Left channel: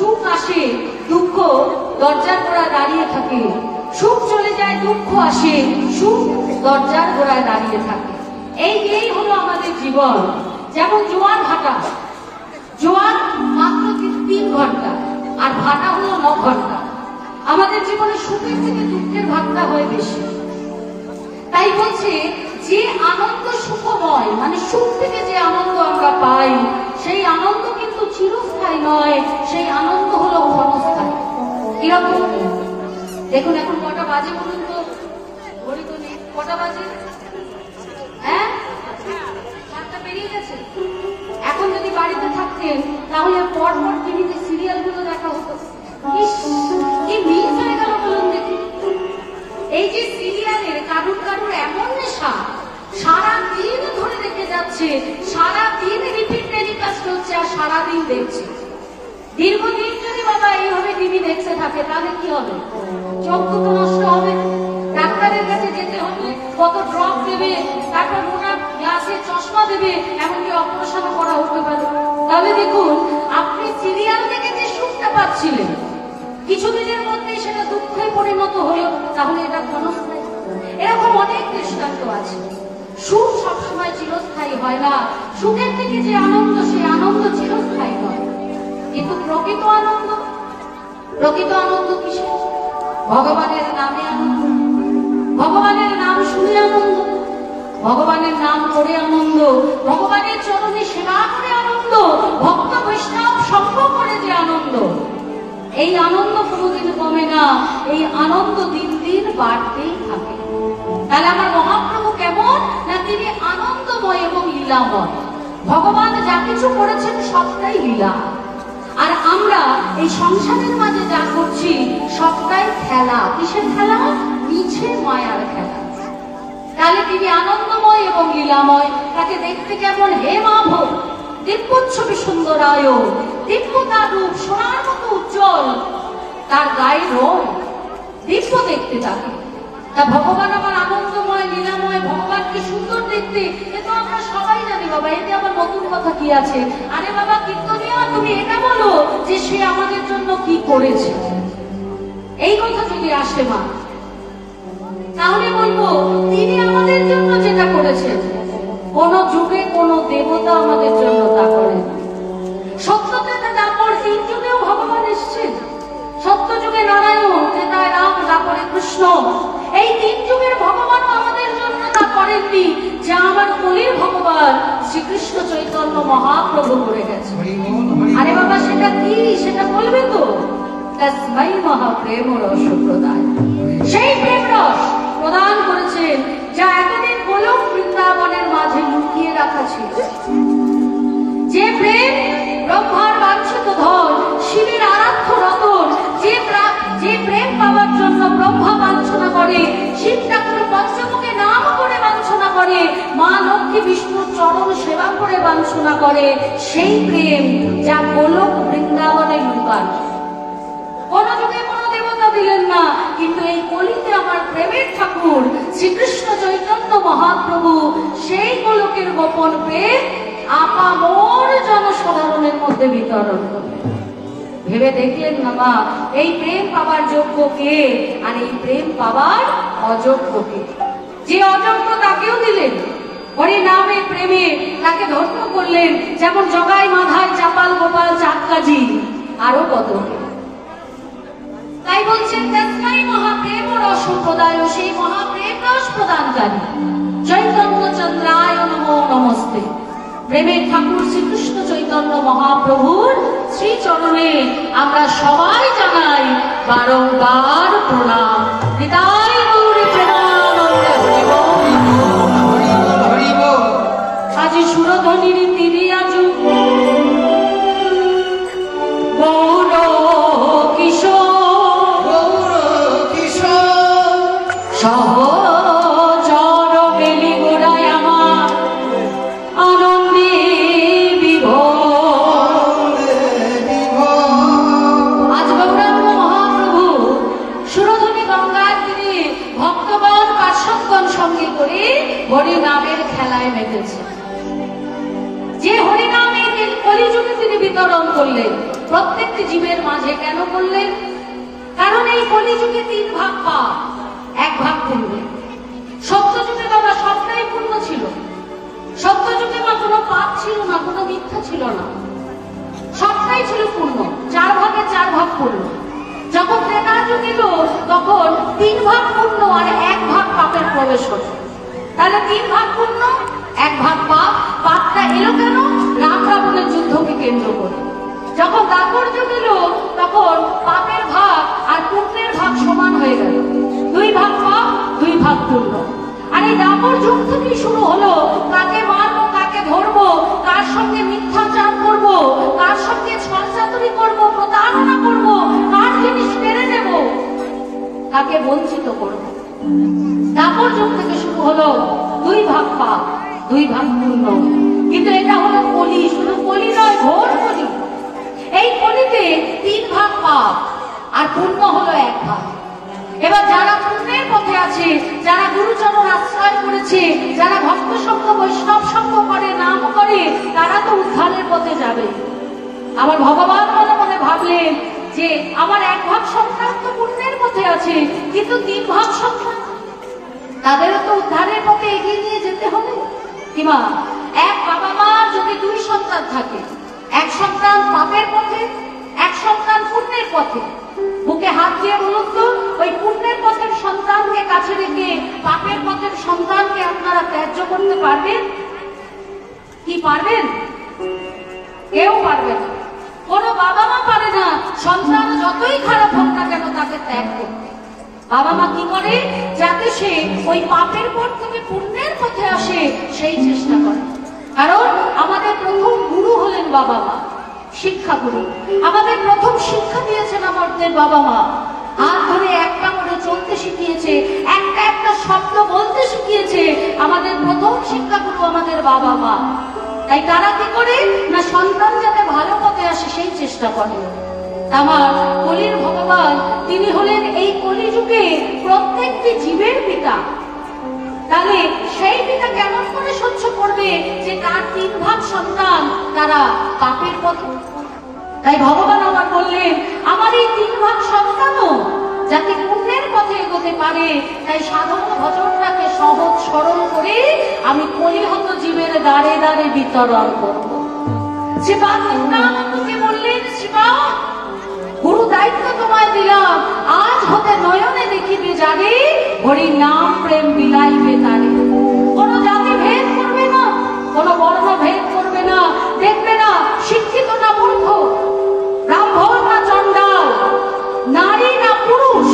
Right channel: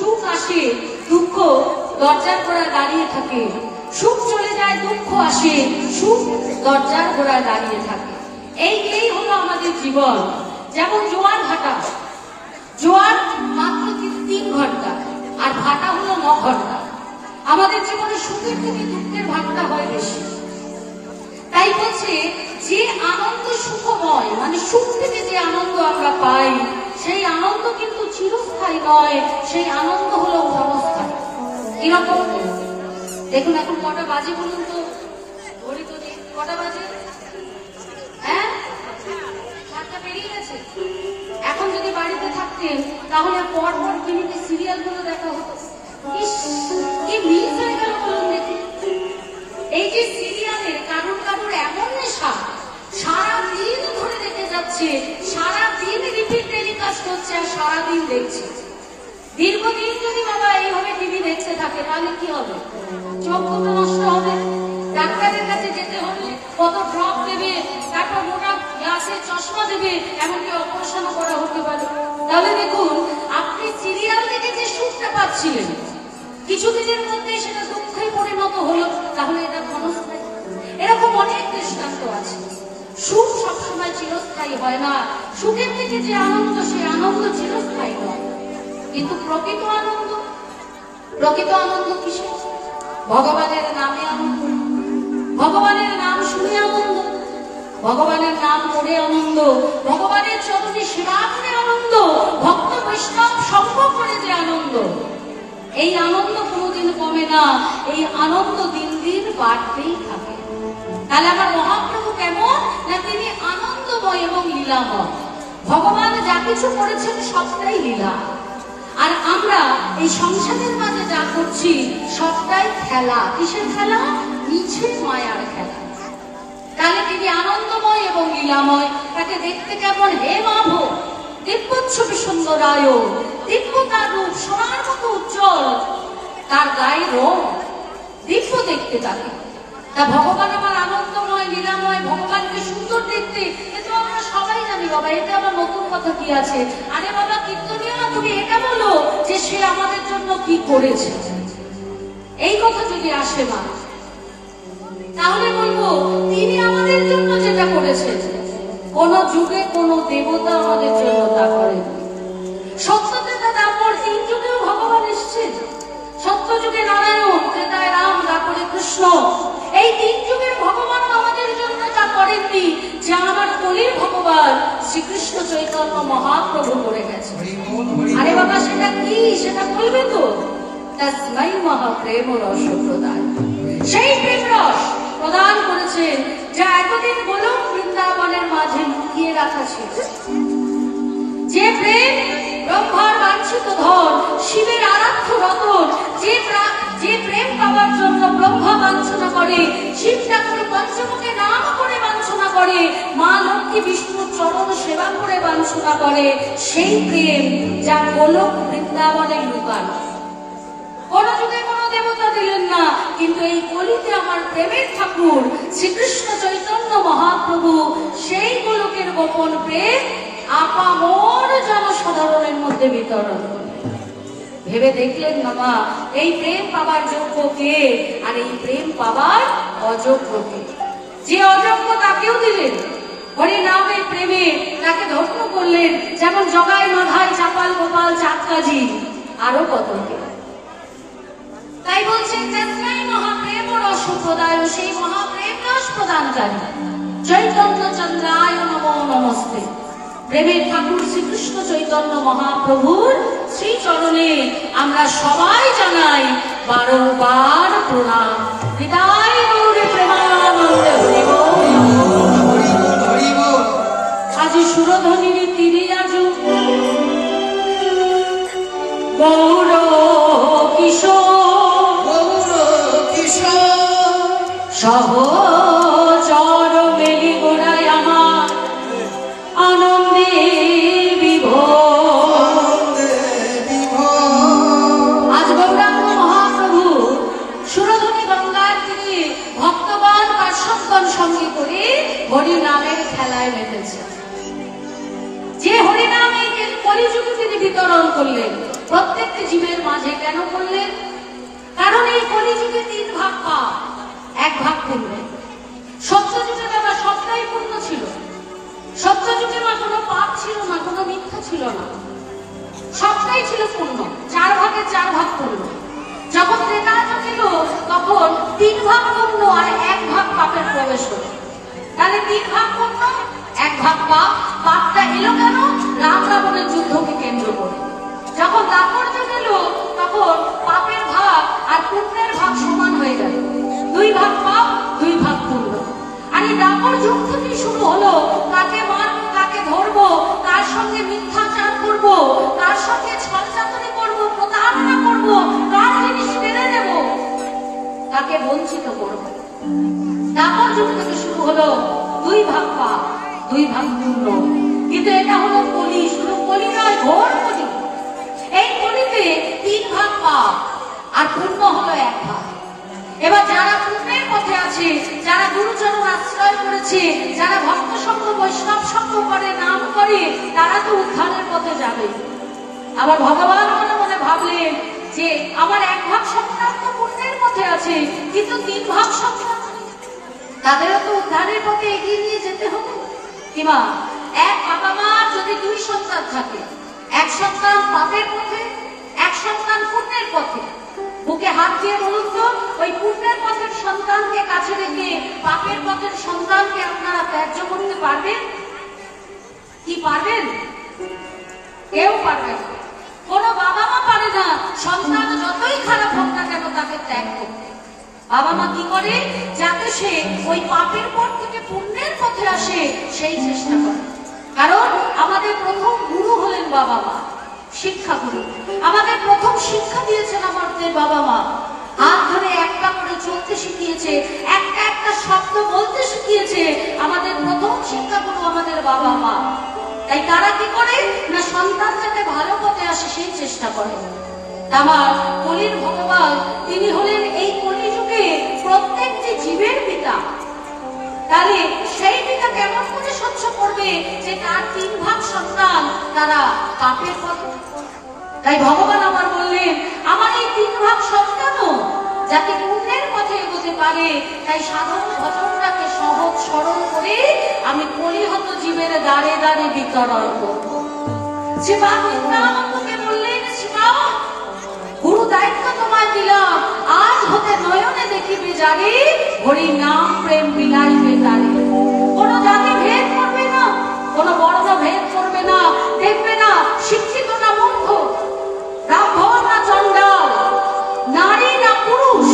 সুখ আসে, দুঃখ দরজার গোড়ায় দাঁড়িয়ে থাকে। সুখ চলে যায়, দুঃখ আসে, সুখ দরজার গোড়ায় দাঁড়িয়ে থাকে। এই হলো আমাদের জীবন। যেমন জোয়ার ভাটা, জোয়ার মাত্র 3 ঘন্টা আর ভাটা হলো 9 ঘন্টা। আমাদের জীবনে সুখের থেকে দুঃখের ভাগটা হয় বেশি। তাই বলছে যে আনন্দ সুখময়, মানে সুখ থেকে যে আনন্দ আমরা পাই সেই আনন্দ কিন্তু চিরস্থায়ী নয়, সেই আনন্দ হলো ক্ষণস্থায়ী। কিরকম দেখুন, এখন কটা বাজে বলুন তো? ঘড়ি তো নেই, কটা বাজে? হ্যাঁ, 7টা পেরিয়ে গেছে। এখন যদি বাড়িতে থাকতেন তাহলে পরপর টিভিতে সিরিয়াল গুলো দেখা হতো। কি মিস হয়ে গেল বলুন দেখি। এই যে সিরিয়ালের কারুর কারুর এমন নেশা, সারাদিন ধরে দেখে যাচ্ছে, সারাদিন রিপিট টেলিকাস্ট হচ্ছে আর সারাদিন দেখছে। দীর্ঘদিন যদি বাবা এইভাবে টিভি দেখতে থাকে তাহলে কি হবে? চোখ তো নষ্ট হবে, ডাক্তারের কাছে যেতে হবে, কত ড্রপ দেবে, তারপর মোটা গ্লাসে চশমা দেবে, এমনকি অপারেশন করা হতে পারে। তাহলে দেখুন, আপনি সিরিয়াল দেখে যে সুখটা পাচ্ছিলেন কিছুদিনের মধ্যে সেটা দুঃখে পরিণত হলো, তাহলে এটা ক্ষণস্থায়ী? এরকম অনেক দৃষ্টান্ত আছে। সুখ সবসময় চিরস্থায়ী হয় না। সুখের থেকে যে আনন্দ, সেই আনন্দ চিরস্থায়ী হয়। কিন্তু প্রকৃত আনন্দ কিসে? ভগবানের নামে আনন্দ, ভগবানের নাম শুনে আনন্দ, ভগবানের নাম করে আনন্দ, ভগবানের চরণে সেবা করে আনন্দ, ভক্ত বৈষ্ণব সঙ্গ করে যে আনন্দ, এই আনন্দ কোনোদিন কমে না। এই আনন্দ দিন দিন বাড়তেই থাকে। তাহলে আমার মহাপ্রভু কেমন না, তিনি আনন্দময় এবং লীলাময়। ভগবান যা কিছু করেছেন সবটাই লীলা, আর আমরা এই সংসারের মাঝে যা করছি সবটাই খেলা। কিসের খেলা? মিছে মায়ার খেলা। তাহলে তিনি আনন্দময় এবং লীলাময়। তাকে দেখতে কেমন? হে মাভ দিব্যচ্ছবি সুন্দরায়, দিব্য তার রূপ সোনার মতো উজ্জ্বল, তার গায়ের রং দিব্য দেখতে তাকে। তা ভগবান আমার আনন্দময় লীলাময়, ভগবানকে সুন্দর দেখতে, এ তো আমরা সবাই জানি বাবা। এতে আবার নতুন কথা কি আছে? আরে বাবা কীর্তনিয়া, তুমি এটা বলো যে সে আমাদের জন্য কি করেছে। এই কথা যদি আসে মা, তাহলে বলবো তিনি আমাদের জন্য যেটা করেছেন, কোন যুগে কোন দেবতা আমাদের জন্য তা করেন। সত্যতেতা তারপর 3 যুগেও ভগবান এসেছেন। সত্য যুগে নারায়ণ, ত্রেতায় রাম, তারপরে কৃষ্ণ। এই 3 যুগের ভগবানও আমাদের জন্য তা করেননি যা আমার কলির ভগবান শ্রীকৃষ্ণ চৈতন্য মহাপ্রভু করে গেছে। আরে বাবা সেটা কি? সেটা বলবে তো? তস্मै মহাপ্রেম রস প্রদান। সেই প্রেম রস প্রদান করেছেন যা এতদিন গোলক বৃন্দাবনের মাঝে লুকিয়ে রাখা ছিল। যে প্রেম ব্রহ্মার বাঞ্ছিত ধন, শিবের আরাধ্য রতন, যে প্রেম পাওয়ার জন্য ব্রহ্মা বাঞ্ছনা করে, শিব ঠাকুর পঞ্চমুখে নাম করে বাঞ্ছনা করে, মা লক্ষ্মী বিষ্ণুর চরণ সেবা করে বাঞ্ছনা করে, সেই প্রেম যা গোলক বৃন্দাবনে লুকানো। কোন যুগে কোন দেবতা দিলেন না, কিন্তু এই কলিতে আমার প্রেমের ঠাকুর শ্রীকৃষ্ণ চৈতন্য মহাপ্রভু সেই গোলকের গোপন প্রেম আপামর জনসাধারণের মধ্যে বিতরণ করলেন। ভেবে দেখলেন না মা, এই প্রেম পাবার যোগ্য কে আর এই প্রেম পাবার অযোগ্য কে? যে অযোগ্য তাকেও দিলেন হরি নামে প্রেমে, তাকে ধন্য করলেন। যেমন জগাই মাধাই চাপাল গোপাল চাঁদকাজি, আরো কত। তাই বলছেন তস্मै মহাপ্রেম রস প্রদায়, সেই মহাপ্রেম রস প্রদানকারী চৈতন্য চন্দ্রায় নমো নমস্তে। প্রেমের ঠাকুর শ্রীকৃষ্ণ চৈতন্য মহাপ্রভুর শ্রী চরণে আমরা সবাই জানাই বারংবার প্রণাম। হৃদয় গৌরী প্রেমানন্দে হরি বল। আজি সুরধ্বনির তিনি আজ গৌর কিশোর সহচর মেলি গোড়ায় আমার আনন্দে বিভোর। আজ গৌরাঙ্গ মহাপ্রভু সুরধনী গঙ্গার তীরে ভক্তগণ পার্শ্বদগণ সঙ্গে করে হরিনামের খেলায় মেতেছে। যে হরিনামে কলিযুগে তিনি বিতরণ করলেন, প্রত্যেকটি জীবের মাঝে কেন করলেন? কারণ এই কলিযুগে তিন ভাগ পাপ, এক ভাগ পুণ্য। সত্যযুগে দাদা সবটাই পুণ্য ছিল। সত্যযুগে বা কোনো পাপ ছিল না, কোনো মিথ্যা ছিল না, সবটাই ছিল পুণ্য। 4 ভাগে 4 ভাগ পুণ্য। যখন ত্রেতা যুগ এলো তখন 3 ভাগ পুণ্য আর 1 ভাগ পাপের প্রবেশ হলো। তাহলে 3 ভাগ পুণ্য 1 ভাগ পাপ। পাপটা এলো কেন? রাম রাবণের যুদ্ধকে কেন্দ্র করে। যখন দাপর যুগ এলো তখন পাপের ভাগ আর পুণ্যের ভাগ সমান হয়ে গেল। 2 ভাগ পাপ 2 ভাগ পুণ্য। আর এই দাপর যুগ থেকে শুরু হলো কাকে মারবো, কাকে ধরবো, কার সঙ্গে মিথ্যাচার করবো, কার সঙ্গে ছলচাতুরি করবো, প্রতারণা করবো, কার জিনিস কেড়ে নেবো, তাকে বঞ্চিত করবো। দাপর যুগ থেকে শুরু হলো 2 ভাগ পাপ 2 ভাগ পুণ্য। কিন্তু এটা হলো কলি, শুধু কলি নয়, ঘোর কলি। এই কলিতে 3 ভাগ পাপ আর পুণ্য হলো 1 ভাগ। এবার যারা পুণ্যের পথে আছে, যারা গুরুচরণ আশ্রয় করেছে, যারা ভক্ত সঙ্গ বৈষ্ণব সঙ্গ করে, নাম করে, তারা তো উদ্ধারের পথে যাবে। আবার ভগবান মনে মনে ভাবলেন যে আমার 1 ভাগ সন্তান তো পুণ্যের পথে আছে, কিন্তু 3 ভাগ সন্তান তাদেরও তো উদ্ধারের পথে এগিয়ে নিয়ে যেতে হবে। কিংবা এক বাবা মা যদি 2 সন্তান থাকে, 1 সন্তান পাপের পথে, 1 সন্তান পুণ্যের পথে, বুকে হাত দিয়ে বলুন তো, ওই পুণ্যের পথের সন্তানকে কাছে রেখে পাপের পথের সন্তানকে আপনারা ত্যায্য করতে পারবেন কি? পারবেন? কেউ পারবে না। কোন বাবা মা পারে না সন্তান যতই খারাপ হোক না কেন তাকে ত্যাগ করতে। বাবা মা কি করে? যাতে সে ওই পাপের পথ থেকে পুণ্যের পথে আসে সেই চেষ্টা করে। কারণ আমাদের প্রথম গুরু হলেন বাবা মা, শিক্ষা গুরু। আমাদের প্রথম শিক্ষা দিয়েছেন আমাদের বাবা মা। হাত ধরে একটা করে চলতে শিখিয়েছে, একটা একটা শব্দ বলতে শিখিয়েছে। আমাদের প্রথম শিক্ষা গুরু আমাদের বাবা মা। তাই তারা কি করে না সন্তান যাতে ভালো পথে আসে সেই চেষ্টা করে। আমার কলির ভগবান তিনি হলেন এই কলিযুগে প্রত্যেকটি জীবের পিতা। তাহলে সেই পিতা কেমন করে সহ্য করবে যে তার 3 ভাগ সন্তান তারা পাপের পথে? তাই ভগবান আমার বললেন আমার এই 3 ভাগ সন্তানও যাতে পুণ্যের পথে এগোতে পারে, তাই সাধারণ ভজনটাকে সহজ সরল করে আমি কলিহত জীবের দ্বারে দ্বারে বিতরণ করবো। শিবা কৃষ্ণানন্দকে বললেন, শিবা গুরু দায়িত্ব তোমায় দিলাম, আজ হতে নয়নে দেখিবে যারে, হরি নাম প্রেম বিলাইবে তারে। কোন জাতি ভেদ করবে না, কোন বর্ণ ভেদ করবে না, দেখবে না শিক্ষিত না মূর্খ, ব্রাহ্মণ না চণ্ডাল, নারী না পুরুষ,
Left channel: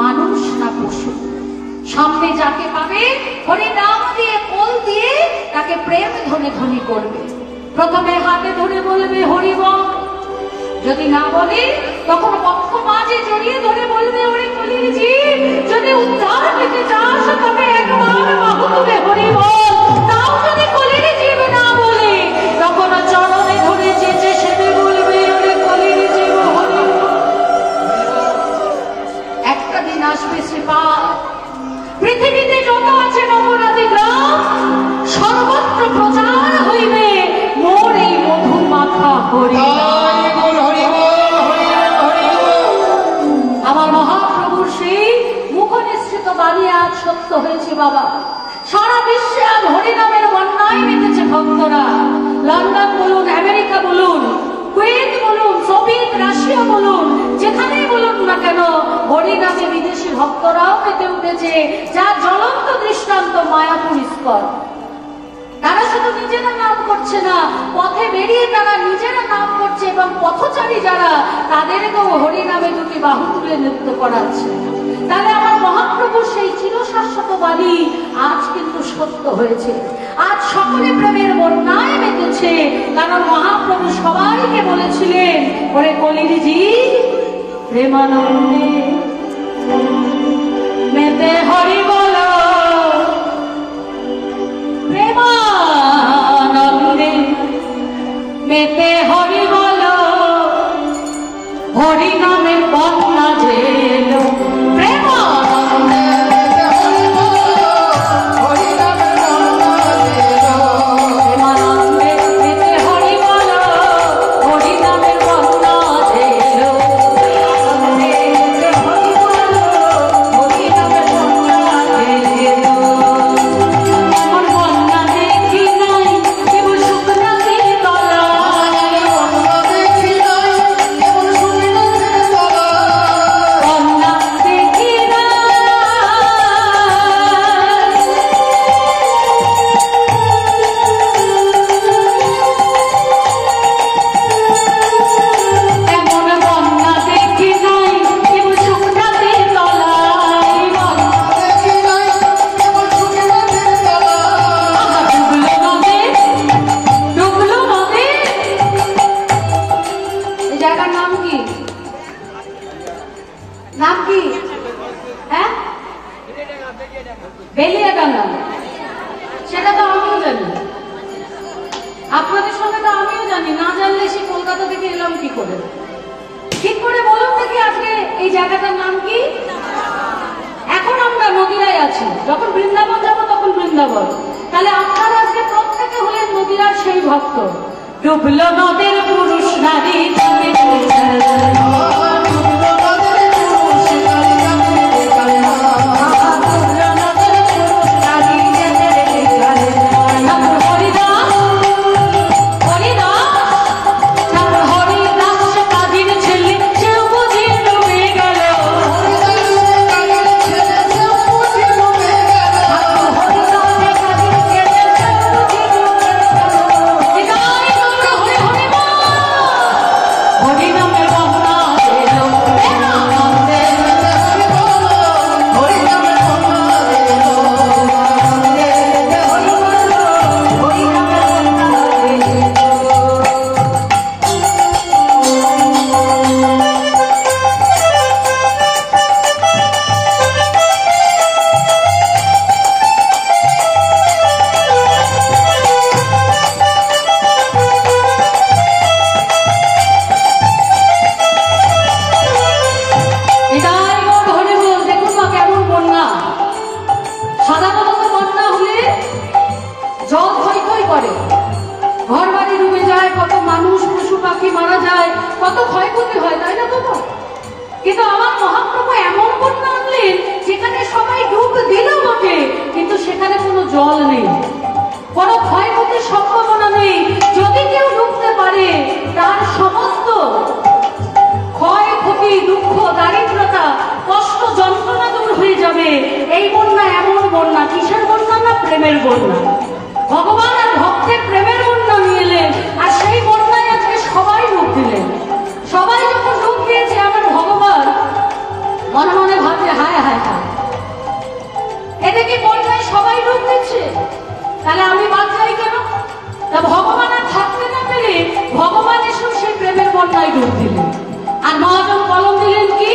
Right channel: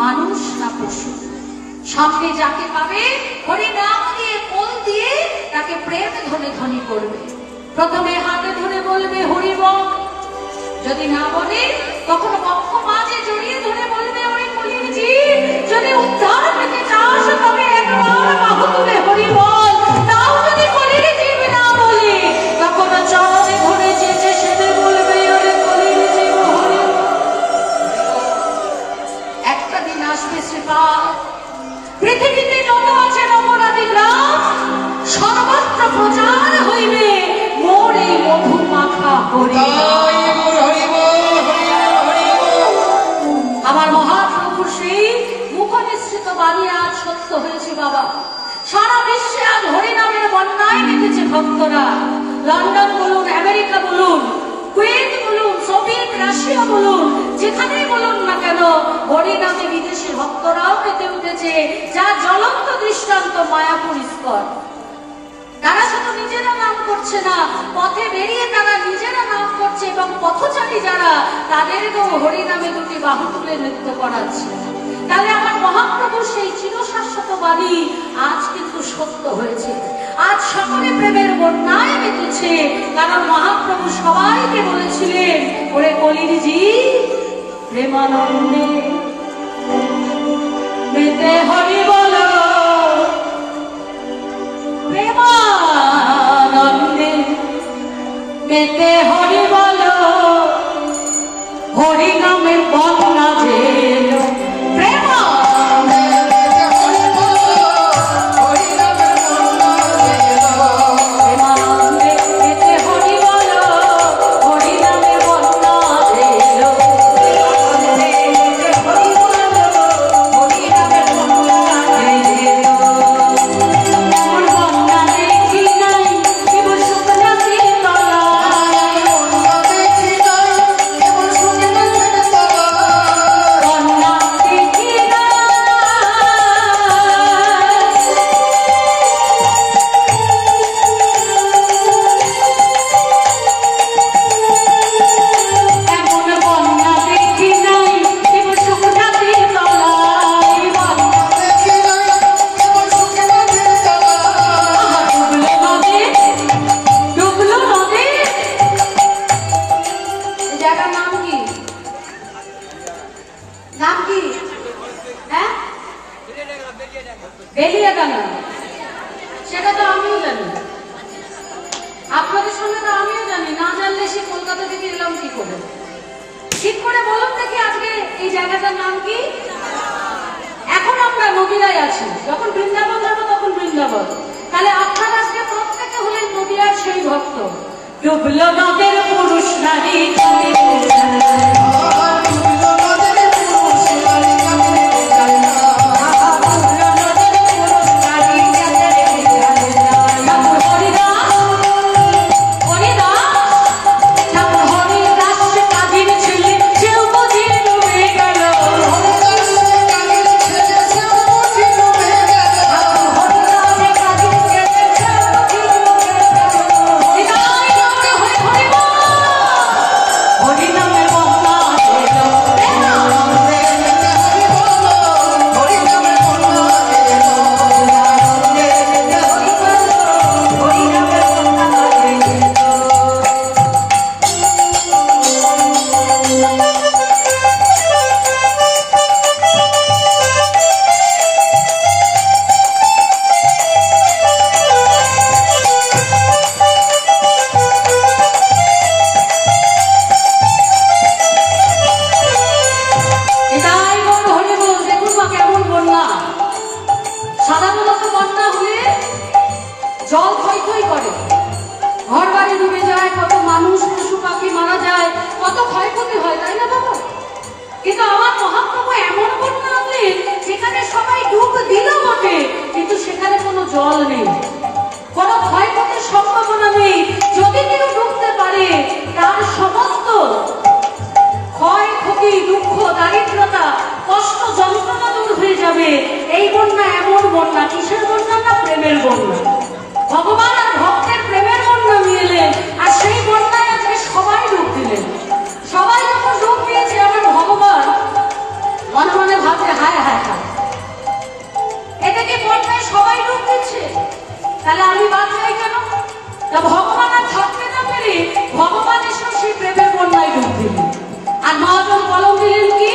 মানুষ না পশু, সামনে যাকে পাবে হরি নাম দিয়ে কোল দিয়ে তাকে প্রেম ধনে ধনি করবে। প্রথমে হাতে ধরে বলবে হরি বল, যদি না বলে তখন বক্ষ মাঝে জড়িয়ে ধরে বলবে হরি কলিজি, যদি উদ্ধার পেতে চাস তবে একবার বাহু তুলে হরি বল। তাও যদি কলির জীব না বলে তখন চরণে ধরে চেঁচে সেটে বলবে হরি কলির জীব হরি। একটা দিন আসবে শ্রীপাদ, পৃথিবীতে যত আছে নগরাদি গ্রাম সর্বত্র প্রচার হইবে মোর এই মধু মাখা হরি। আমার মহাপ্রভুর সেই মুখনিসৃত বাণী আজ সত্য হয়েছে বাবা। সারা বিশ্বে আজ হরিনামের বন্যায় মেতেছে ভক্তরা। লন্ডন বলুন, আমেরিকা বলুন, কুয়েত বলুন, সোভিয়েত রাশিয়া বলুন, যেখানেই বলুন না কেন হরিনামে বিদেশি ভক্তরাও মেতে উঠেছে। যা জ্বলন্ত দৃষ্টান্ত মায়াপুর ইস্কন। তারা শুধু নিজেরা নাম করছে না, পথে বেরিয়ে তারা নিজেরা নাম করছে এবং পথচারী যারা তাদেরকেও হরিনামে 2টি বাহু তুলে নৃত্য করাচ্ছে। তাহলে আমার মহাপ্রভু সেই চিরশাশ্বত বাণী আজ কিন্তু সত্য হয়েছে। আজ সকলে প্রেমের বন্যায় মেতেছে, কারণ মহাপ্রভু সবাইকে বলেছিলেন ওরে কলিজি প্রেমানন্দে মেতে হরি বল, প্রেমানন্দে মেতে হরি বল, হরি নামের বন্যা যে প্রেমানন্দে মেতে হরি বল, হরি নামের বন্যা যে প্রেমানন্দে মেতে হরি বল, হরি নামের বন্যা জায়গার নাম কি? নাম কি? হ্যাঁ, বেলিয়াডাঙ্গা। সেটা তো আমিও জানি, আপনাদের সঙ্গে তো আমিও জানি। না জানলে সে কলকাতা থেকে এলাম কি করে? ঠিক করে বলুন দেখি আজকে এই জায়গাটার নাম কি? এখন আমরা নদীরায় আছি, যখন বৃন্দাবন যাবো তখন বৃন্দাবন। তাহলে আপনারা আজকে প্রত্যেকে হলেন নদীরার সেই ভক্ত। ডুবলো নদের পুরুষ নারী এই বন্যা এমন বন্যা, কিসের বন্যা? না প্রেমের বন্যা। ভগবান আর ভক্তের প্রেমের বন্যা নিয়ে এলেন, আর সেই বন্যায় আজকে সবাই রূপ দিলেন। সবাই যখন রূপ দিয়েছে আমার ভগবান মনে মনে ভাবছে হায় হায় হায়, এদিকে বন্যায় সবাই রূপ দিচ্ছে, তাহলে আমি বাদ যাই কেন? তা ভগবান আর থাকতে না পেরে ভগবান এসে সেই প্রেমের বন্যায় রূপ দিলেন। আর মহাজন কলম দিলেন কি?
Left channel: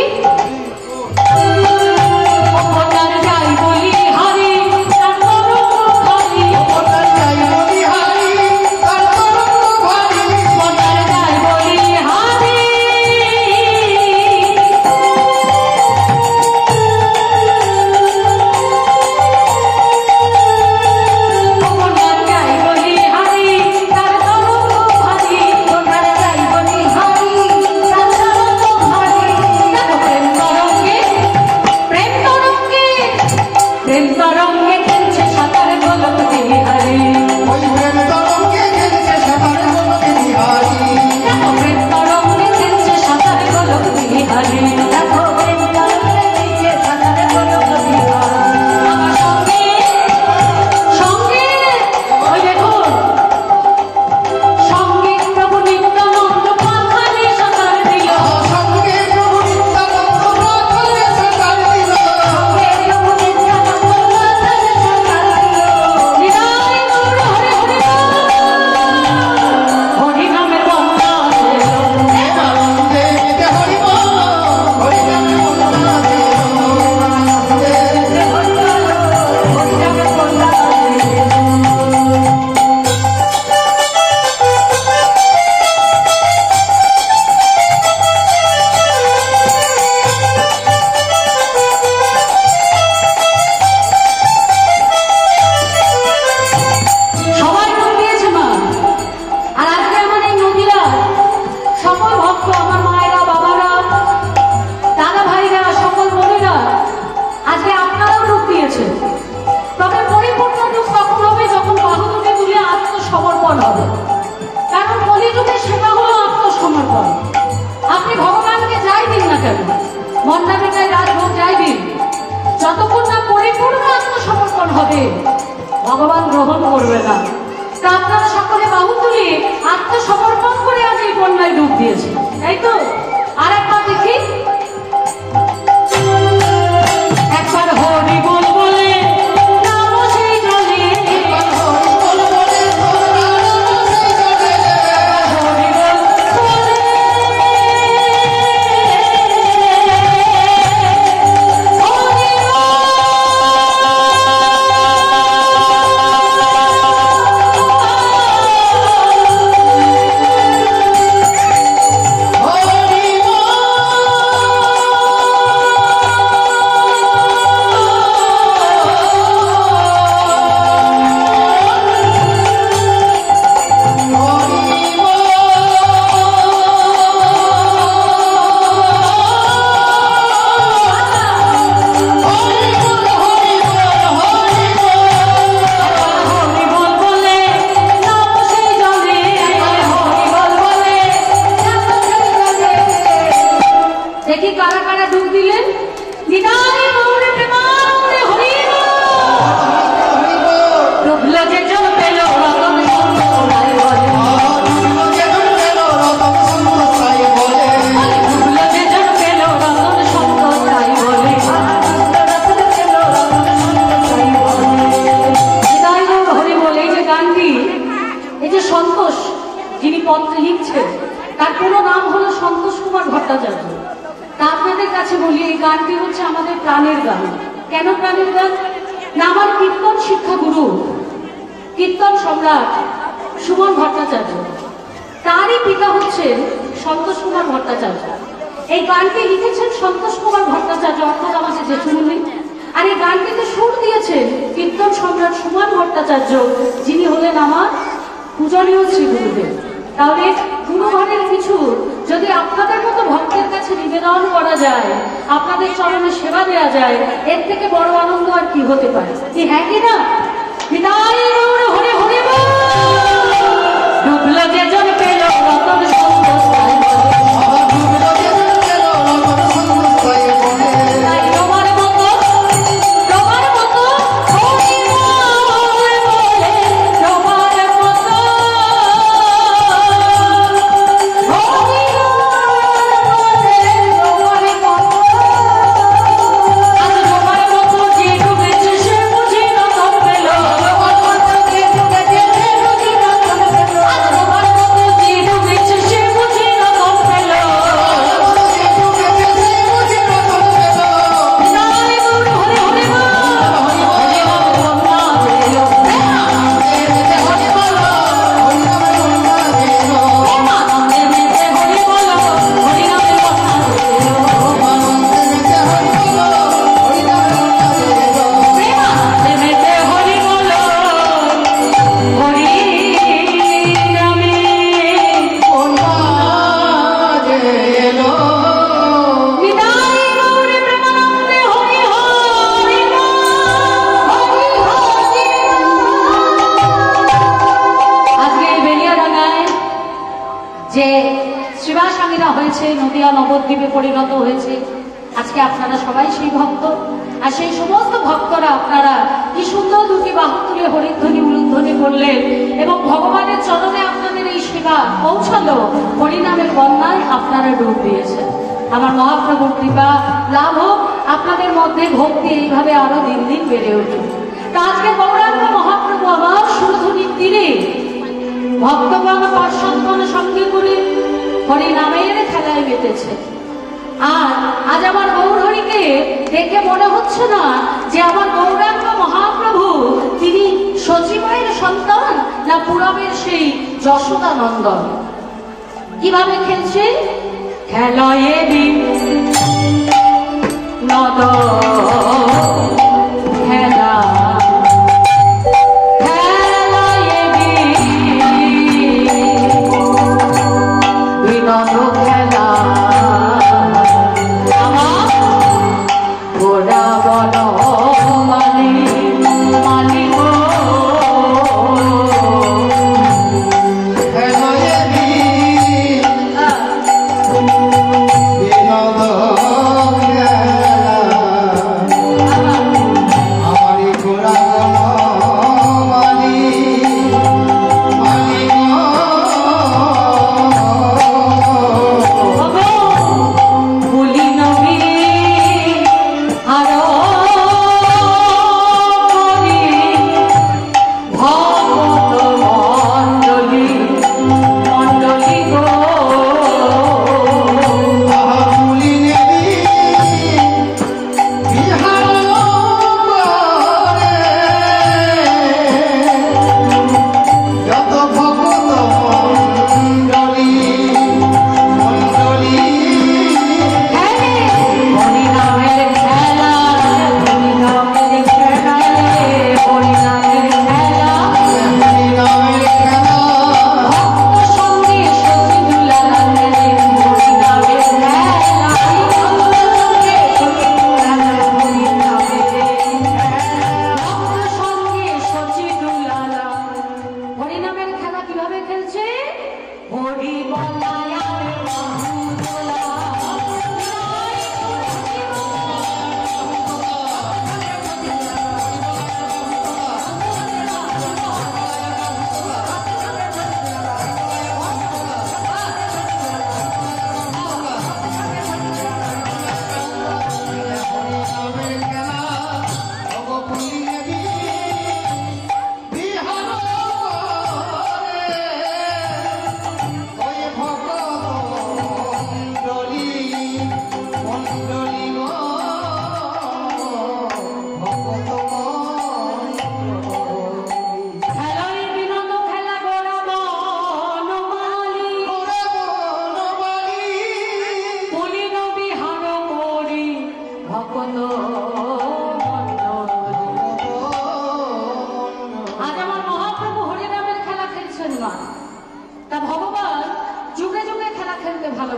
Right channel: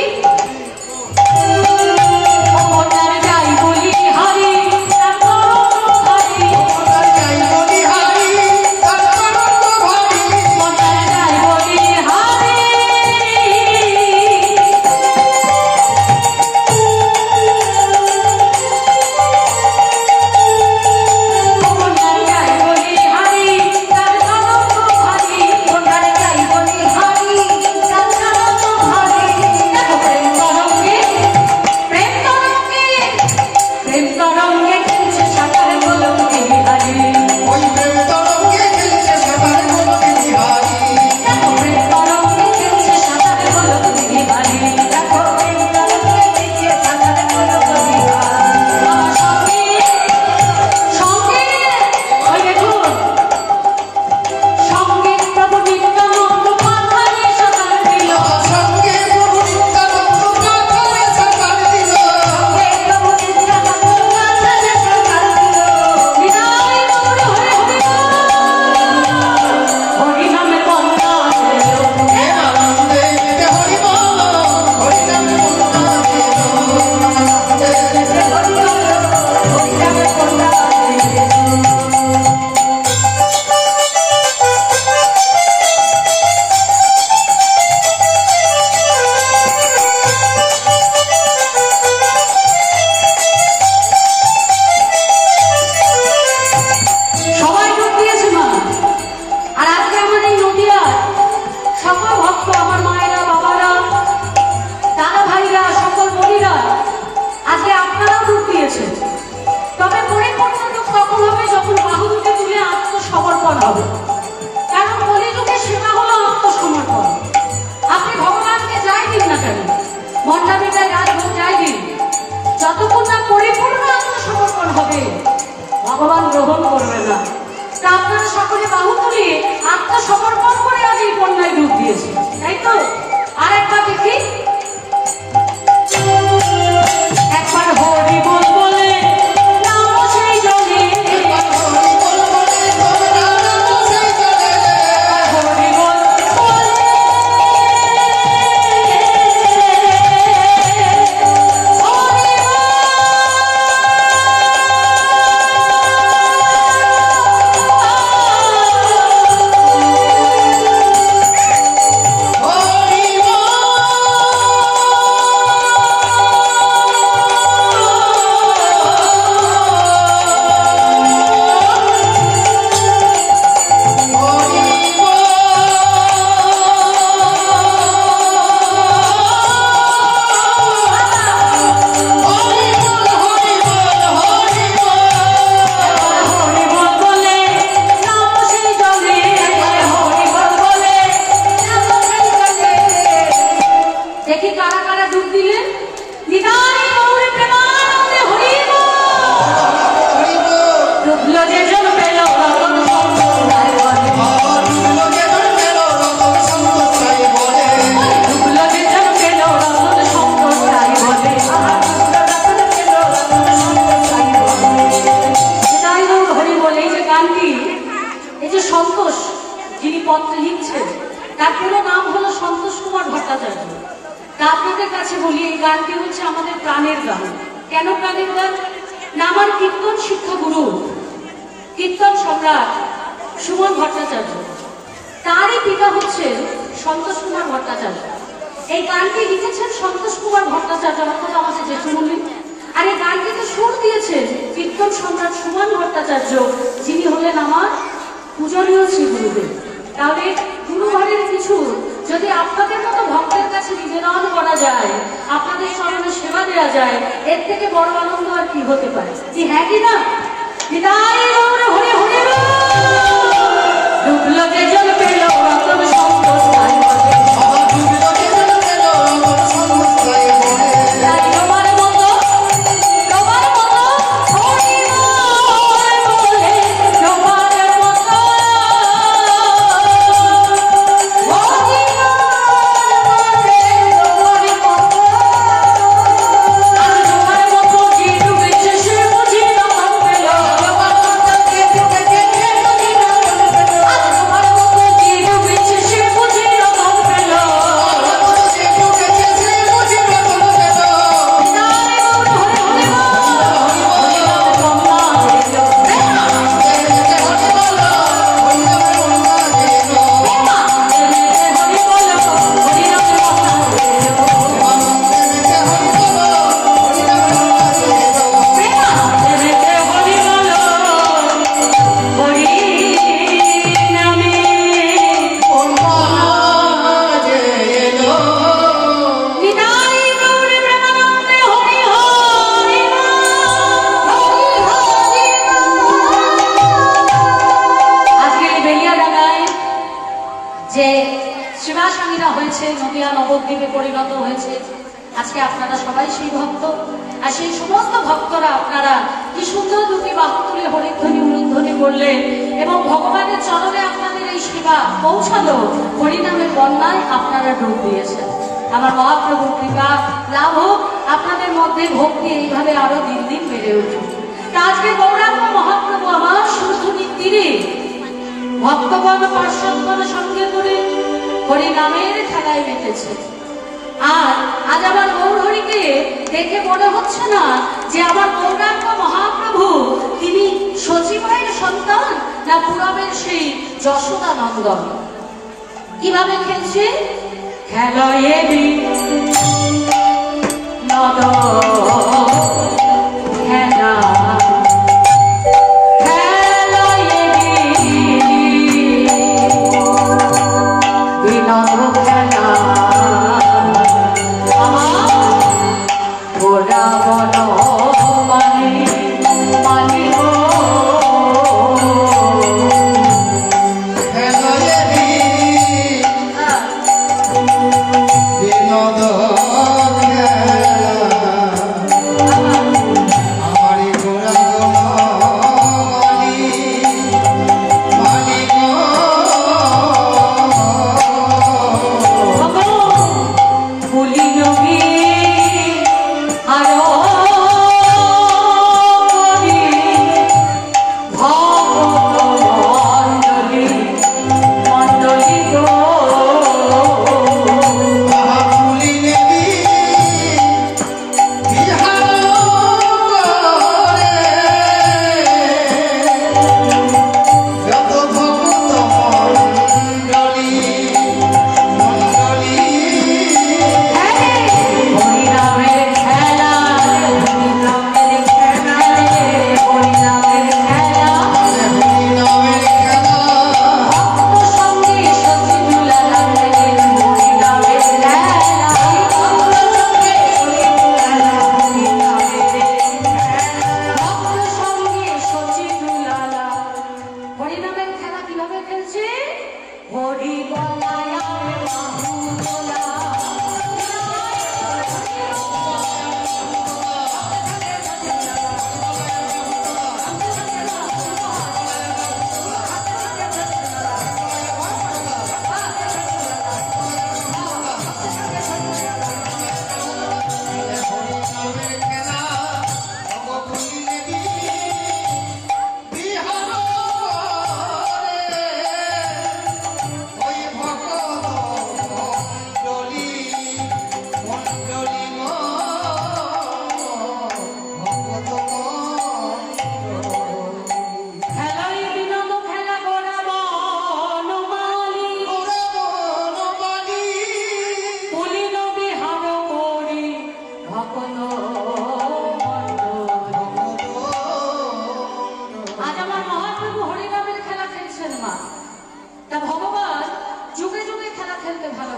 যতক্ষণ না পরিপূর্ণ আত্মসমর্পণ হবে ভগবান গ্রহণ করবে না। তা আপনারা সকলে বাহু তুলে আত্মসমর্পণ করে আজ এই বন্যায় ডুব দিয়েছে, তাই তো? আর একবার দেখি, একবার হরি বল বলে নামো সেই জলে, হরি বল বলে ভট্টাচার্য। তা আপনাদের কাছে বলি, এই গানটি হচ্ছে আমাদের প্রাণের গান। কেন প্রাণের গান? না, আমার কীর্তন শিক্ষাগুরু, কীর্তন সম্রাট সুমন ভট্টাচার্য, তারই পিতা হচ্ছেন সন্তোষ কুমার ভট্টাচার্য। এই গানটি লিখেছেন সন্তোষ কুমার ভট্টাচার্য, অর্থাৎ আমাদের জেঠুমনি। আর এই গানটিতে সুর দিয়েছেন কীর্তন সম্রাট সুমন ভট্টাচার্য, যিনি হলেন আমার পূজনীয় শ্রী গুরুদেব। তাহলে গুরুঘরের কিছু যদি আপনাদের মতো ভক্তের কাছে নিবেদন করা যায়, আপনাদের চরণে সেবা দেওয়া যায়, এর থেকে বড় আনন্দ আর কি হতে পারে? কি হ্যাঁ কি না? বিদায় হরে হরে ডুবলো যে জল পেল রতন সন্তোষ যে শিবাসাঙ্গীরা হয়েছে, নদিয়া নবদ্বীপে পরিণত হয়েছে। আজকে আপনারা সবাই সেই ভক্ত, আর সেই সমস্ত ভক্তরা আপনারা কি সুন্দর দুটি বাহু তুলে হরিধ্বনি উলুধ্বনি করলেন এবং ভগবানের চরণে আপনাদের এই সেবা পৌঁছালো। হরিনামের বন্যায় আপনারা ডুব দিয়েছেন। আমার মহাপ্রভুর কৃপা লাভ হোক, আপনাদের মধ্যে ভক্তি এইভাবে আরো দিন দিন বেড়ে উঠুক। আজকে গৌরাঙ্গ মহাপ্রভু আমার সুরধুনির তীরে ভক্তগণ পার্শ্বদগণ সঙ্গে করে হরিনামের খেলায় মেতেছে। আর আজ আমার গৌরহরিকে দেখে মনে হচ্ছে না যে আমার গৌরাঙ্গ মহাপ্রভু তিনি সচিবের সন্তান না পুরবের সেই যশোদানন্দন। কিভাবে খেলছে? খেলায় নদ খেলা Yeah.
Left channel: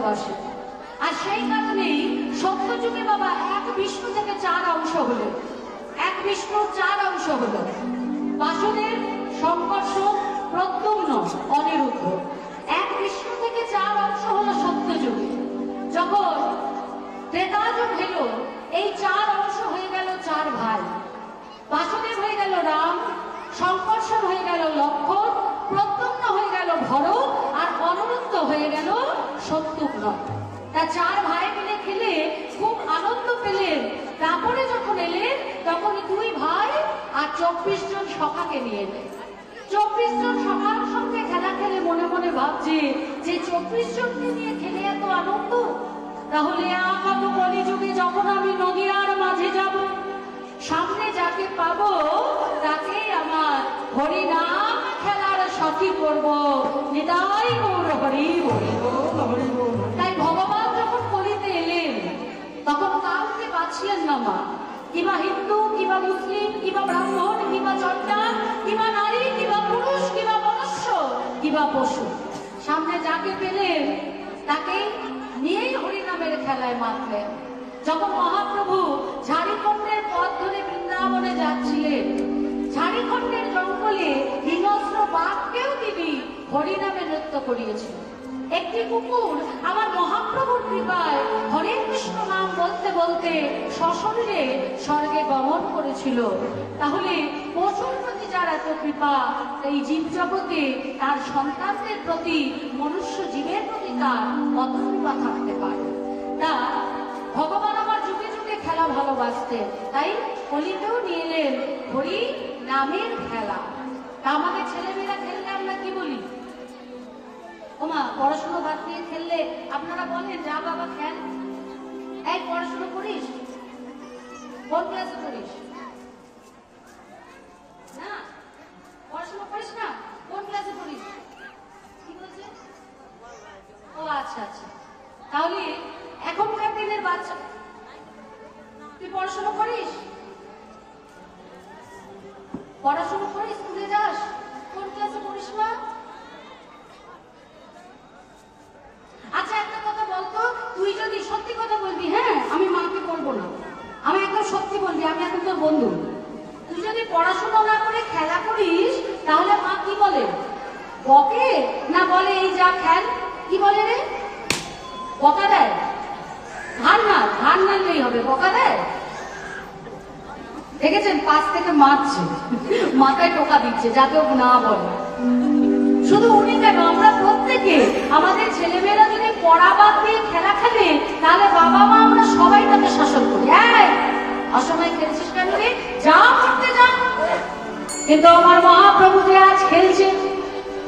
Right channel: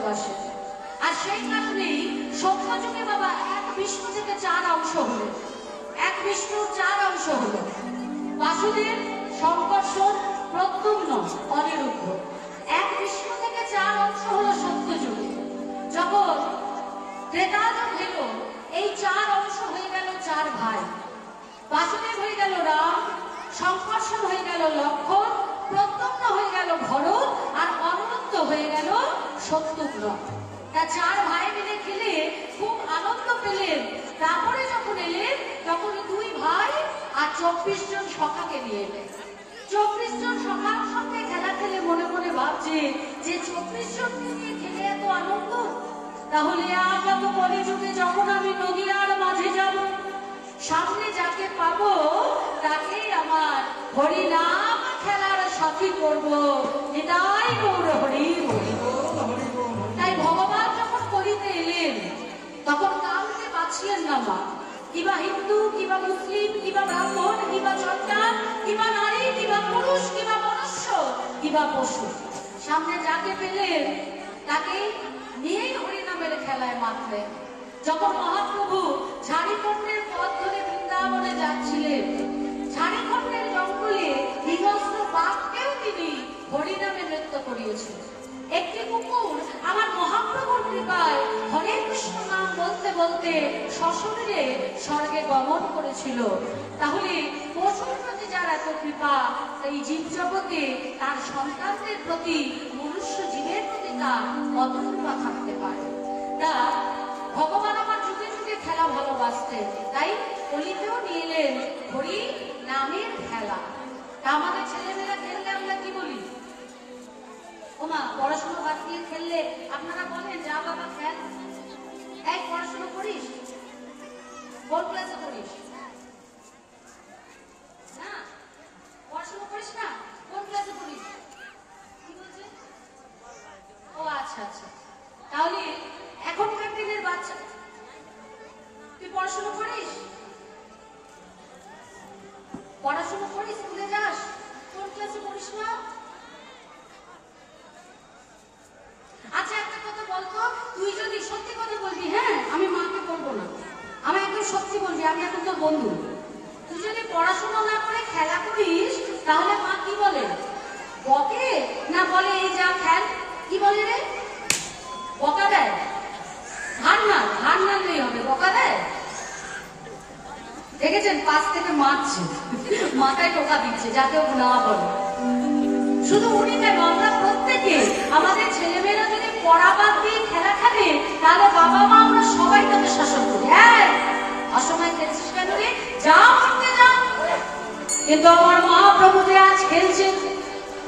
ভালোবাসে। আর সেই কারণেই সত্যযুগে বাবা এক বিষ্ণু থেকে 4 অংশ হলো, এক বিষ্ণুর 4 অংশ হলো, বাসুদেব, শঙ্কর্ষণ, প্রদ্যুম্ন, অনিরুদ্ধ। এক বিষ্ণু থেকে 4 অংশ হলো সত্যযুগে। যখন ত্রেতাযুগ হলো, এই 4 অংশ হয়ে গেল 4 ভাই। বাসুদেব হয়ে গেল রাম, শঙ্কর্ষণ হয়ে গেল লক্ষ্মণ, প্রদ্যুম্ন হয়ে গেল ভরত, আর অনিরুদ্ধ হয়ে গেল শত্রুঘ্ন। তা 4 ভাই মিলে খেলে খুব আনন্দ পেলেন। তারপরে যখন এলেন তখন 2 ভাই আর 24 জন সখাকে নিয়ে এলেন। 24 জন সখার সঙ্গে খেলা খেলে মনে মনে ভাবছে যে 24 জনকে নিয়ে খেলে এত আনন্দ, তাহলে আপাত কলিযুগে যখন আমি নদীর মাঝে যাব, সামনে যাকে পাবো তাকে আমার হরিনাম খেলার সাথী করব। নিতাই গৌর হরি বল। তাই ভগবান যখন কলিতে এলেন তখন কাউকে বাঁচিলেন না মা, কিবা হিন্দু, কিবা মুসলিম, কিবা ব্রাহ্মণ, কিবা সন্তান, কিবা নারী, কিবা পুরুষ, কিবা মনুষ্য, কিবা পশু, সামনে যাকে পেলেন তাকে নিয়েই হরিনামের খেলায় মাতলেন। যখন মহাপ্রভু ঝাড়িখণ্ডের পথ ধরে বৃন্দাবনে যাচ্ছিলেন, ঝাড়িখণ্ডের জঙ্গলে হিংস্র বাঘকেও তিনি হরিনামে নৃত্য করিয়েছিলেন। একটি কুকুর আমার মহাপ্রভুর কৃপায় হরে কৃষ্ণ নাম বলতে বলতে সশরীরে স্বর্গে গমন করেছিল। তাহলে পশুর প্রতি যার এত কৃপা, এই জীব জগতে তার সন্তানদের প্রতি, মনুষ্য জীবের প্রতি তার কত কৃপা থাকতে পারে। তা ভগবান আমার যুগে যুগে খেলা ভালোবাসতেন, তাই কলিতেও নিয়ে এলেন হরি নামের খেলা। তা আমাদের ছেলেমেয়েরা খেললে আমরা কি বলি? ওমা পড়াশোনা বাদ দিয়ে খেললে আপনারা বলেন যা বাবা খেল। এই পড়াশোনা করিস? কোন ক্লাসে পড়িস? না পড়াশোনা করিস না? কোন ক্লাসে পড়িস? কি বলছে? ও আচ্ছা আচ্ছা। তাহলে এখনকার দিনের বাচ্চা, তুই পড়াশোনা করিস? পড়াশোনা করিস, স্কুলে যাস? কোন ক্লাসে পড়িস না? আচ্ছা একটা কথা বলতো, তুই যদি সত্যি কথা বলবি, হ্যাঁ আমি মাকে বলবো না, আমি একদম সত্যি বলবি, আমি এখন তোর বন্ধু। তুই যদি পড়াশোনা না করে খেলা করিস তাহলে মা কি বলে? বকে না বলে এই যা খেল? কি বলে রে? বকা দেয়? ধান নাড়লেই হবে, বকা দেয়? দেখেছেন পাশ থেকে মারছে, মাথায় টোকা দিচ্ছে যাতে ও না বলে। শুধু উনি কেন, আমরা প্রত্যেকে আমাদের ছেলেমেয়েরা যদি পড়া বাদ দিয়ে খেলা খেলে তাহলে বাবা মা আমরা সবাই তাকে শাসন করি, হ্যাঁ অসময় খেলছিস কেন রে, যা করতে যা। কিন্তু আমার মহাপ্রভু যে আজ খেলছেন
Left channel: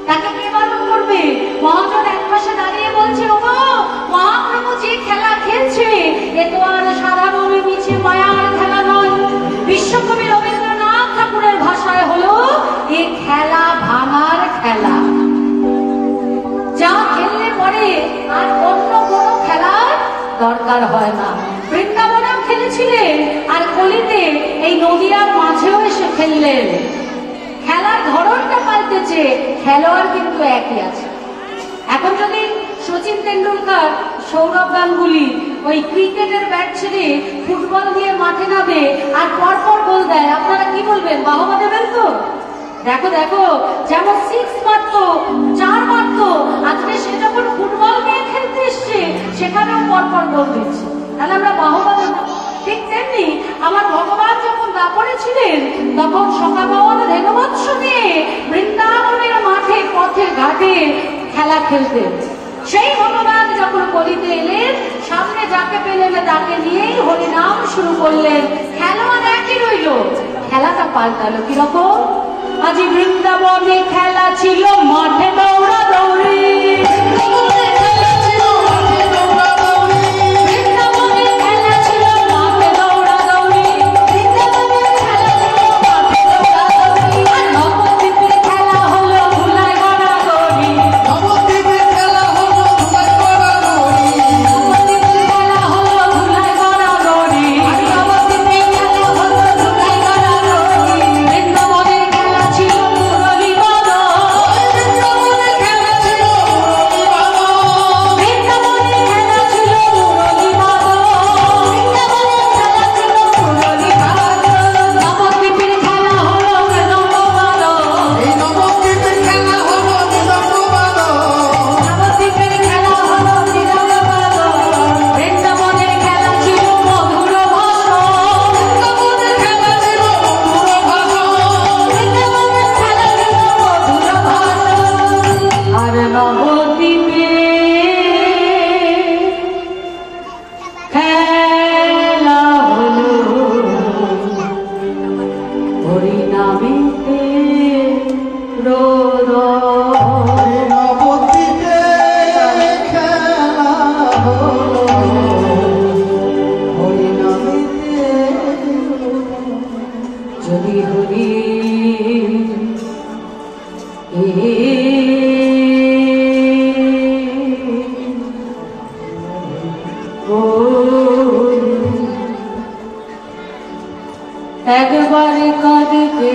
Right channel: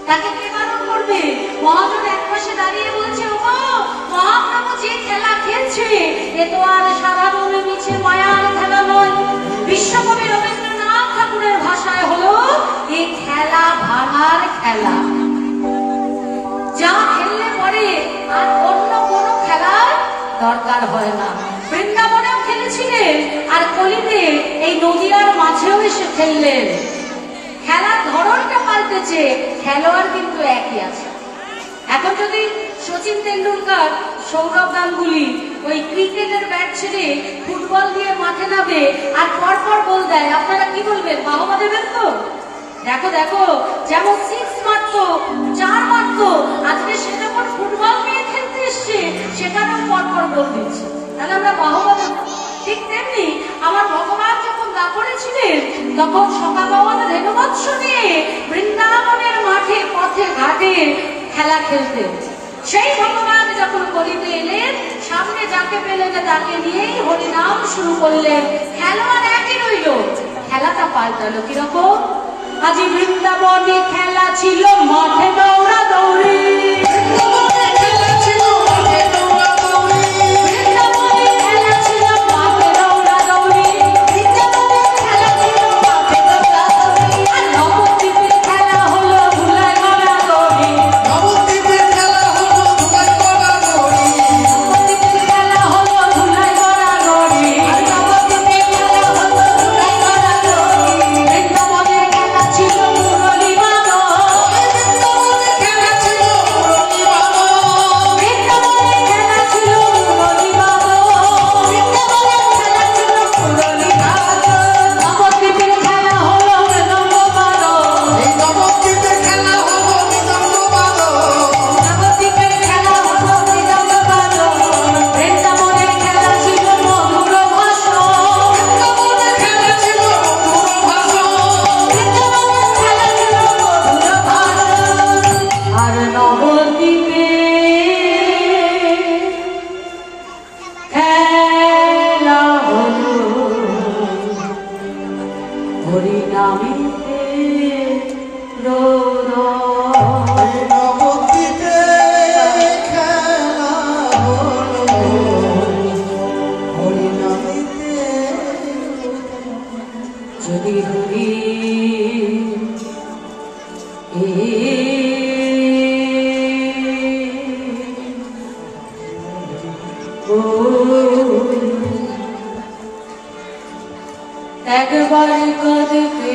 তাকে কে বারণ করবে? মহাজন এক পাশে দাঁড়িয়ে বলছে, ও মহাপ্রভু যে খেলা খেলছে এ তো আর সাধারণ মিছে মায়ার খেলা নয়। বিশ্বকবি রবীন্দ্রনাথ ঠাকুরের ভাষায় হলো এই খেলা ভাঙার খেলা। যা খেললে পরে আর অন্য কোন খেলার দরকার হয় না। বৃন্দাবনেও খেলেছিলেন আর কলিতে এই নদীয়ার মাঝেও এসে খেললেন। খেলার ধরনটা পাল্টেছে, খেলোয়াড় কিন্তু একই আছে। এখন যদি সচিন তেন্ডুলকর, সৌরভ গাঙ্গুলি ওই ক্রিকেটের ব্যাট ছেড়ে ফুটবল দিয়ে মাঠে নামে আর পরপর গোল দেয়, আপনারা কি বলবেন? বাহবা দেবেন তো? দেখো দেখো, যেমন 6 মারতো, 4 মারতো, আজকে সে যখন ফুটবল নিয়ে খেলতে এসছে সেখানেও পরপর গোল দিচ্ছে, তাহলে আমরা বাহবা দেব। ঠিক তেমনি আমার ভগবান যখন দাপরে ছিলেন তখন সকালবেলা রেণুবৎস নিয়ে বৃন্দাবনের মাঠে পথে ঘাটে খেলা খেলতেন। সেই ভগবান যখন কলিতে এলেন, সামনে যাকে পেলেন তাকে নিয়েই হরিনাম শুরু করলেন। খেলোয়াড় একই রইল, খেলাটা পাল্টালো কিরকম? আজ বৃন্দাবনে খেলা ছিল মাঠে দৌড়া দৌড়ি, একবার কাঁদতে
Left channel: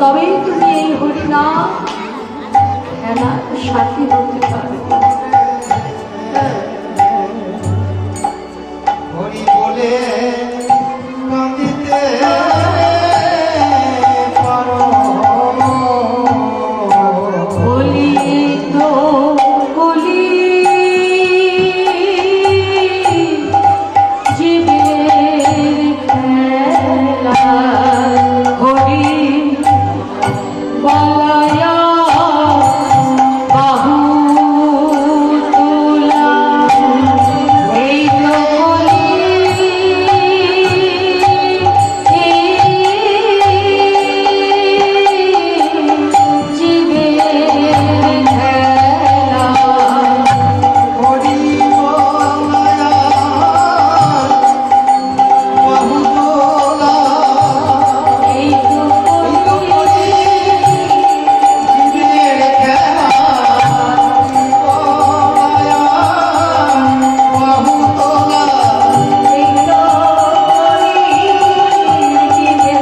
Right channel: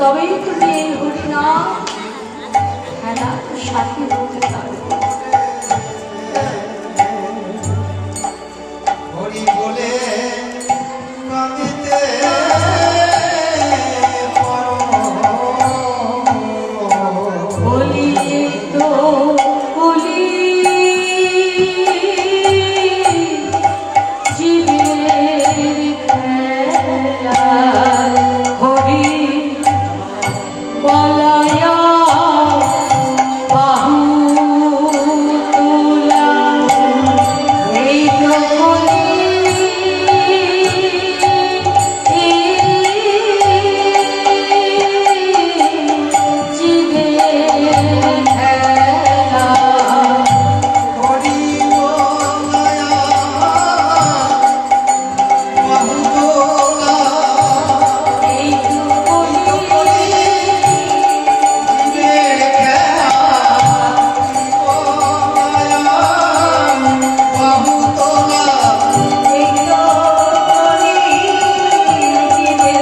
তবেই তুমি এই হরিনাম খেলার সাথী হতে পারো। হরি বলে কাঁদিতে পারো, বলি তো বলি জীবের খেলা হরি বলায়া বাহু তোলা এই তো জীবের খেলা হরি বাহু তোলা, এই তো জীবের খেলা, বাহু তোলা, এই তো জীবের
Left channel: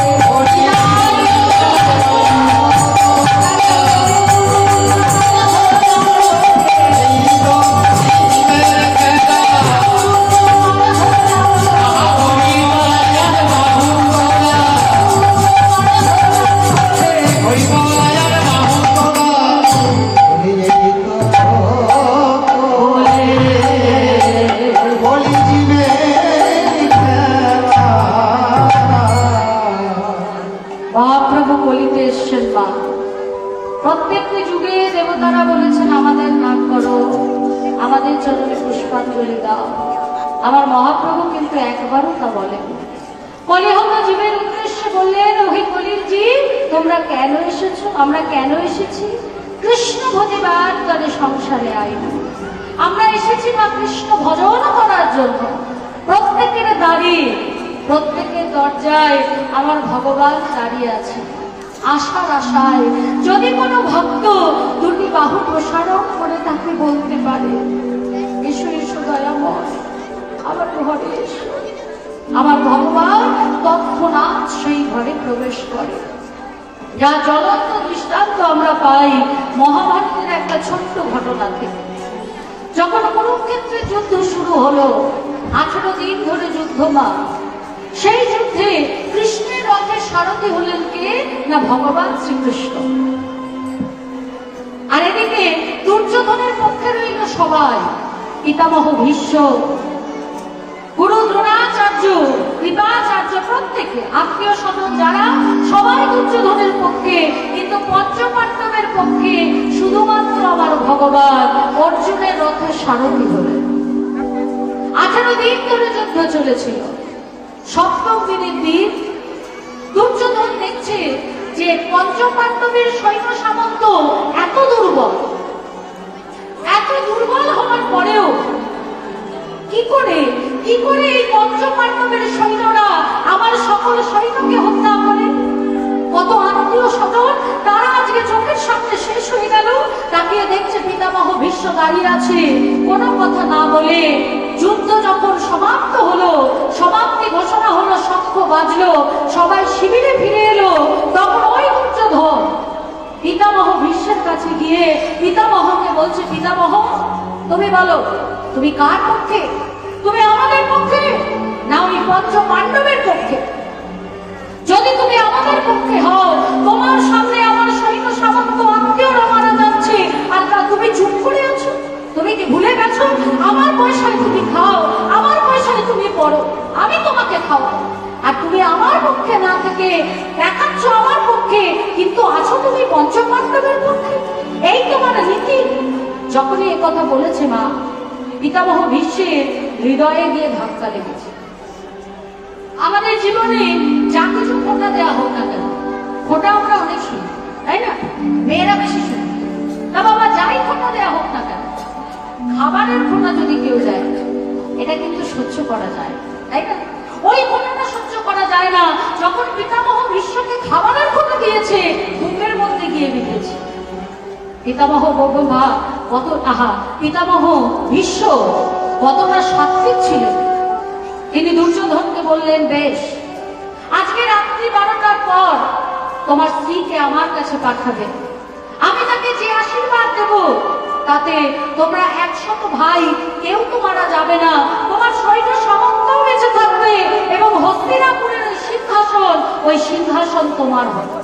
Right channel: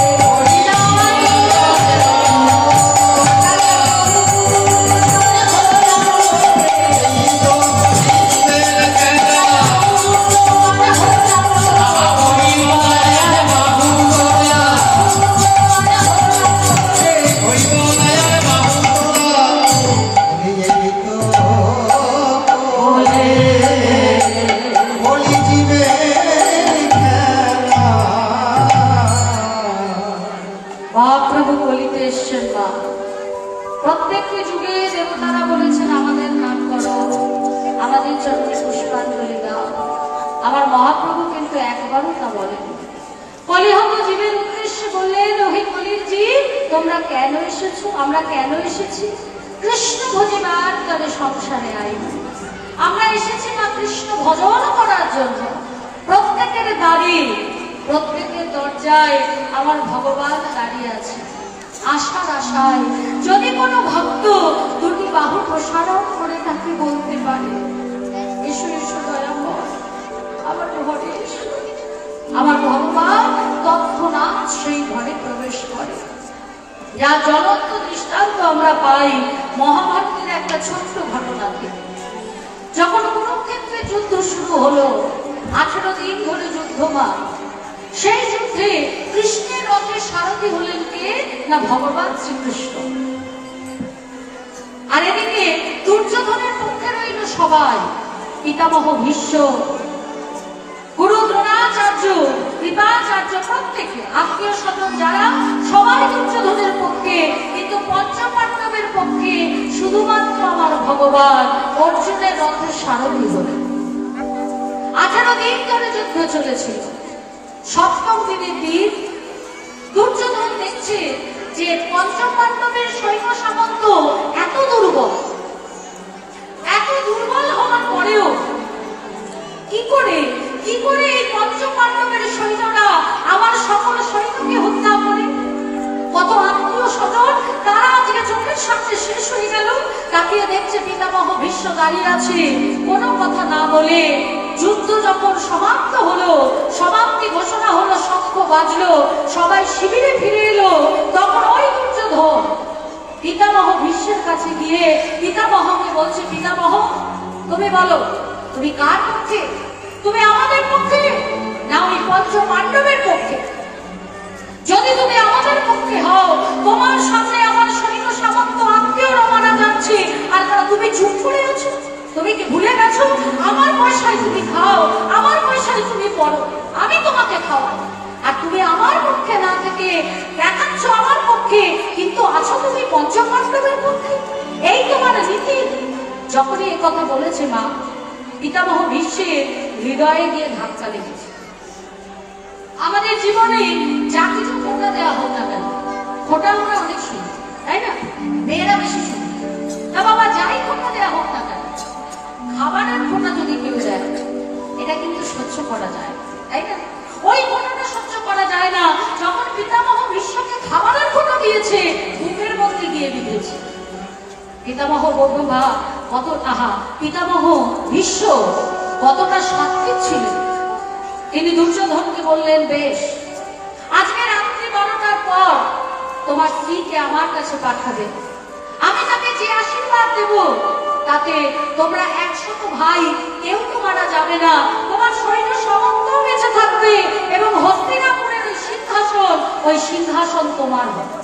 খেলা বাহু তোলা, বলি জীবের খেলা। মহাপ্রভু বলিতে এসছেন মা। প্রত্যেকটি যুগে দেবতারা বলেছেন আমাদের নাম করো, আমাদের চরণে পুষ্পাঞ্জলি দাও। আমার মহাপ্রভু কিন্তু একবারও তা বলেন। কলিহত জীবের উদ্দেশ্যে বললেন, ওহে কলির জীব, তোমরা কেন এসেছো? আমরা কেন এসেছি? কৃষ্ণ ভজিবার তবে সংসারে আইব। আমরা এসেছি মা কৃষ্ণ ভজন করার জন্য। প্রত্যেকের বাড়ি, প্রত্যেকের দরজায় আমার ভগবান দাঁড়িয়ে আছে আশার আশায়। যদি কোনো ভক্ত দুটি বাহু প্রসারণ করে তাকে বলতে পারে, এসো এসো দয়াময়, আমার ঘরে এসো, তৎক্ষণাৎ সেই ঘরে প্রবেশ করে। যা জ্বলন্ত দৃষ্টান্ত আমরা পাই মহাভারতের একটা ছোট্ট ঘটনা থেকে। যখন কুরুক্ষেত্রে যুদ্ধ শুরু হলো, 18 দিন ধরে যুদ্ধমান, সেই যুদ্ধে কৃষ্ণের রথে সারথি হলেন কে না ভগবান শ্রীকৃষ্ণ। আর এদিকে দুর্যোধনের পক্ষে রইল সবাই, পিতামহ ভীষ্ম, গুরু দ্রোণাচার্য, কৃপাচার্য, প্রত্যেকে আত্মীয় স্বজন যারা, সবাই দুর্যোধনের পক্ষে। কিন্তু পঞ্চপাণ্ডবের পক্ষে শুধুমাত্র আমার ভগবান অর্জুনের রথে সারথি হলেন। 18 দিন ধরে যুদ্ধ চলেছিল। সপ্তম দিনের দিন দুর্যোধন দেখছে যে পঞ্চপাণ্ডবের সৈন্য সামন্ত এত দুর্বল হওয়ার পরেও কি করে এই পঞ্চপাণ্ডবের সৈন্যরা আমার সকল সৈন্যকে হত্যা করে। কত আত্মীয় স্বজন তারা আজকে চোখের সামনে শেষ হয়ে গেল। তাকিয়ে দেখছে পিতামহ ভীষ্ম দাঁড়িয়ে আছে, কোনো কথা না বলে। যুদ্ধ যখন সমাপ্ত হলো, সমাপ্তি ঘোষণা হলো, শঙ্খ বাজলো, সবাই শিবিরে ফিরে এলো, তখন ওই দুর্যোধন পিতামহ ভীষ্মের কাছে গিয়ে পিতামহকে বলছে, পিতামহ তুমি বলো, তুমি কার পক্ষে? তুমি আমাদের পক্ষে না ওই পঞ্চপাণ্ডবের পক্ষে? যদি তুমি আমাদের পক্ষে হও, তোমার সামনে আমার সৈন্য সামন্ত আত্মীয়রা মারা যাচ্ছে, আর তুমি চুপ করে আছো। তুমি কি ভুলে গেছো আমার পয়সায় তুমি খাও, আমার পয়সায় তুমি পড়ো, আমি তোমাকে খাওয়াবো, আর তুমি আমার পক্ষে না থেকে দেখাচ্ছ আমার পক্ষে, কিন্তু আছো তুমি পঞ্চপাণ্ডবের পক্ষে। এই তোমার রীতি। যখনই এ কথা বলেছে মা, পিতামহ ভীষ্মের হৃদয়ে গিয়ে ধাক্কা লেগেছে। আমাদের জীবনে যা কিছু খোটা দেওয়া হোক না কেন, খোটা আমরা অনেক শুনি, তাই না? মেয়েরা বেশি শুনি। না বাবা, যাই খোটা দেওয়া হোক না কেন, খাবারের খোটা যদি কেউ দেয়, এটা কিন্তু সহ্য করা যায়, তাই না? ওই খোটাটা সহ্য করা যায় না যখন পিতামহ ভীষ্মকে খাবারের খোটা দিয়েছে, বুকের মধ্যে গিয়ে বিঁধেছে। পিতামহ বর্মা কত পিতামহ ভীষ্ম কতটা সাত্বিক ছিলেন। তিনি দুর্যোধনকে বললেন, বেশ, আজকে রাত্রি 12টার পর তোমার স্ত্রীকে আমার কাছে পাঠাবে। আমি তাকে যে আশীর্বাদ দেব, তাতে তোমরা 100 ভাই কেউ তো মারা যাবে না, তোমার সৈন্য সামন্ত বেঁচে থাকবে, এবং হস্তিনাপুরের ওই সিংহাসন তোমার হবে।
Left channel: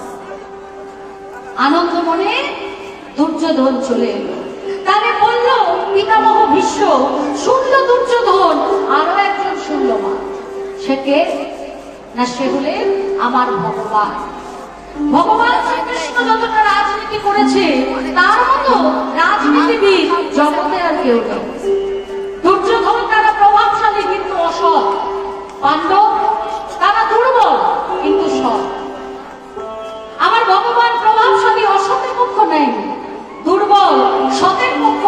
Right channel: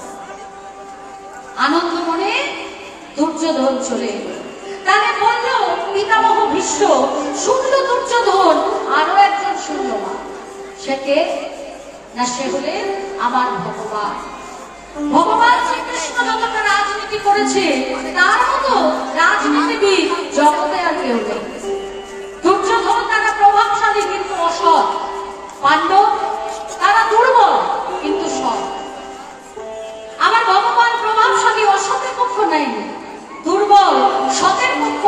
আনন্দ মনে দুর্যোধন চলে এলো। তারে বলল পিতামহ ভীষ্ম, শুনল দুর্যোধন, আরো একজন শুনল মা। সে কে না? সে হলেন আমার ভগবান। ভগবান শ্রীকৃষ্ণ যতটা রাজনীতি করেছে, তার মতো রাজনীতিবিদ জগতে আর কেউ নেই। দুর্যোধন তারা প্রভাবশালী কিন্তু অসৎ, পাণ্ডব তারা দুর্বল কিন্তু সৎ। আমার ভগবান প্রভাবশালী অসতের পক্ষ নেই, দুর্বল সতের পক্ষ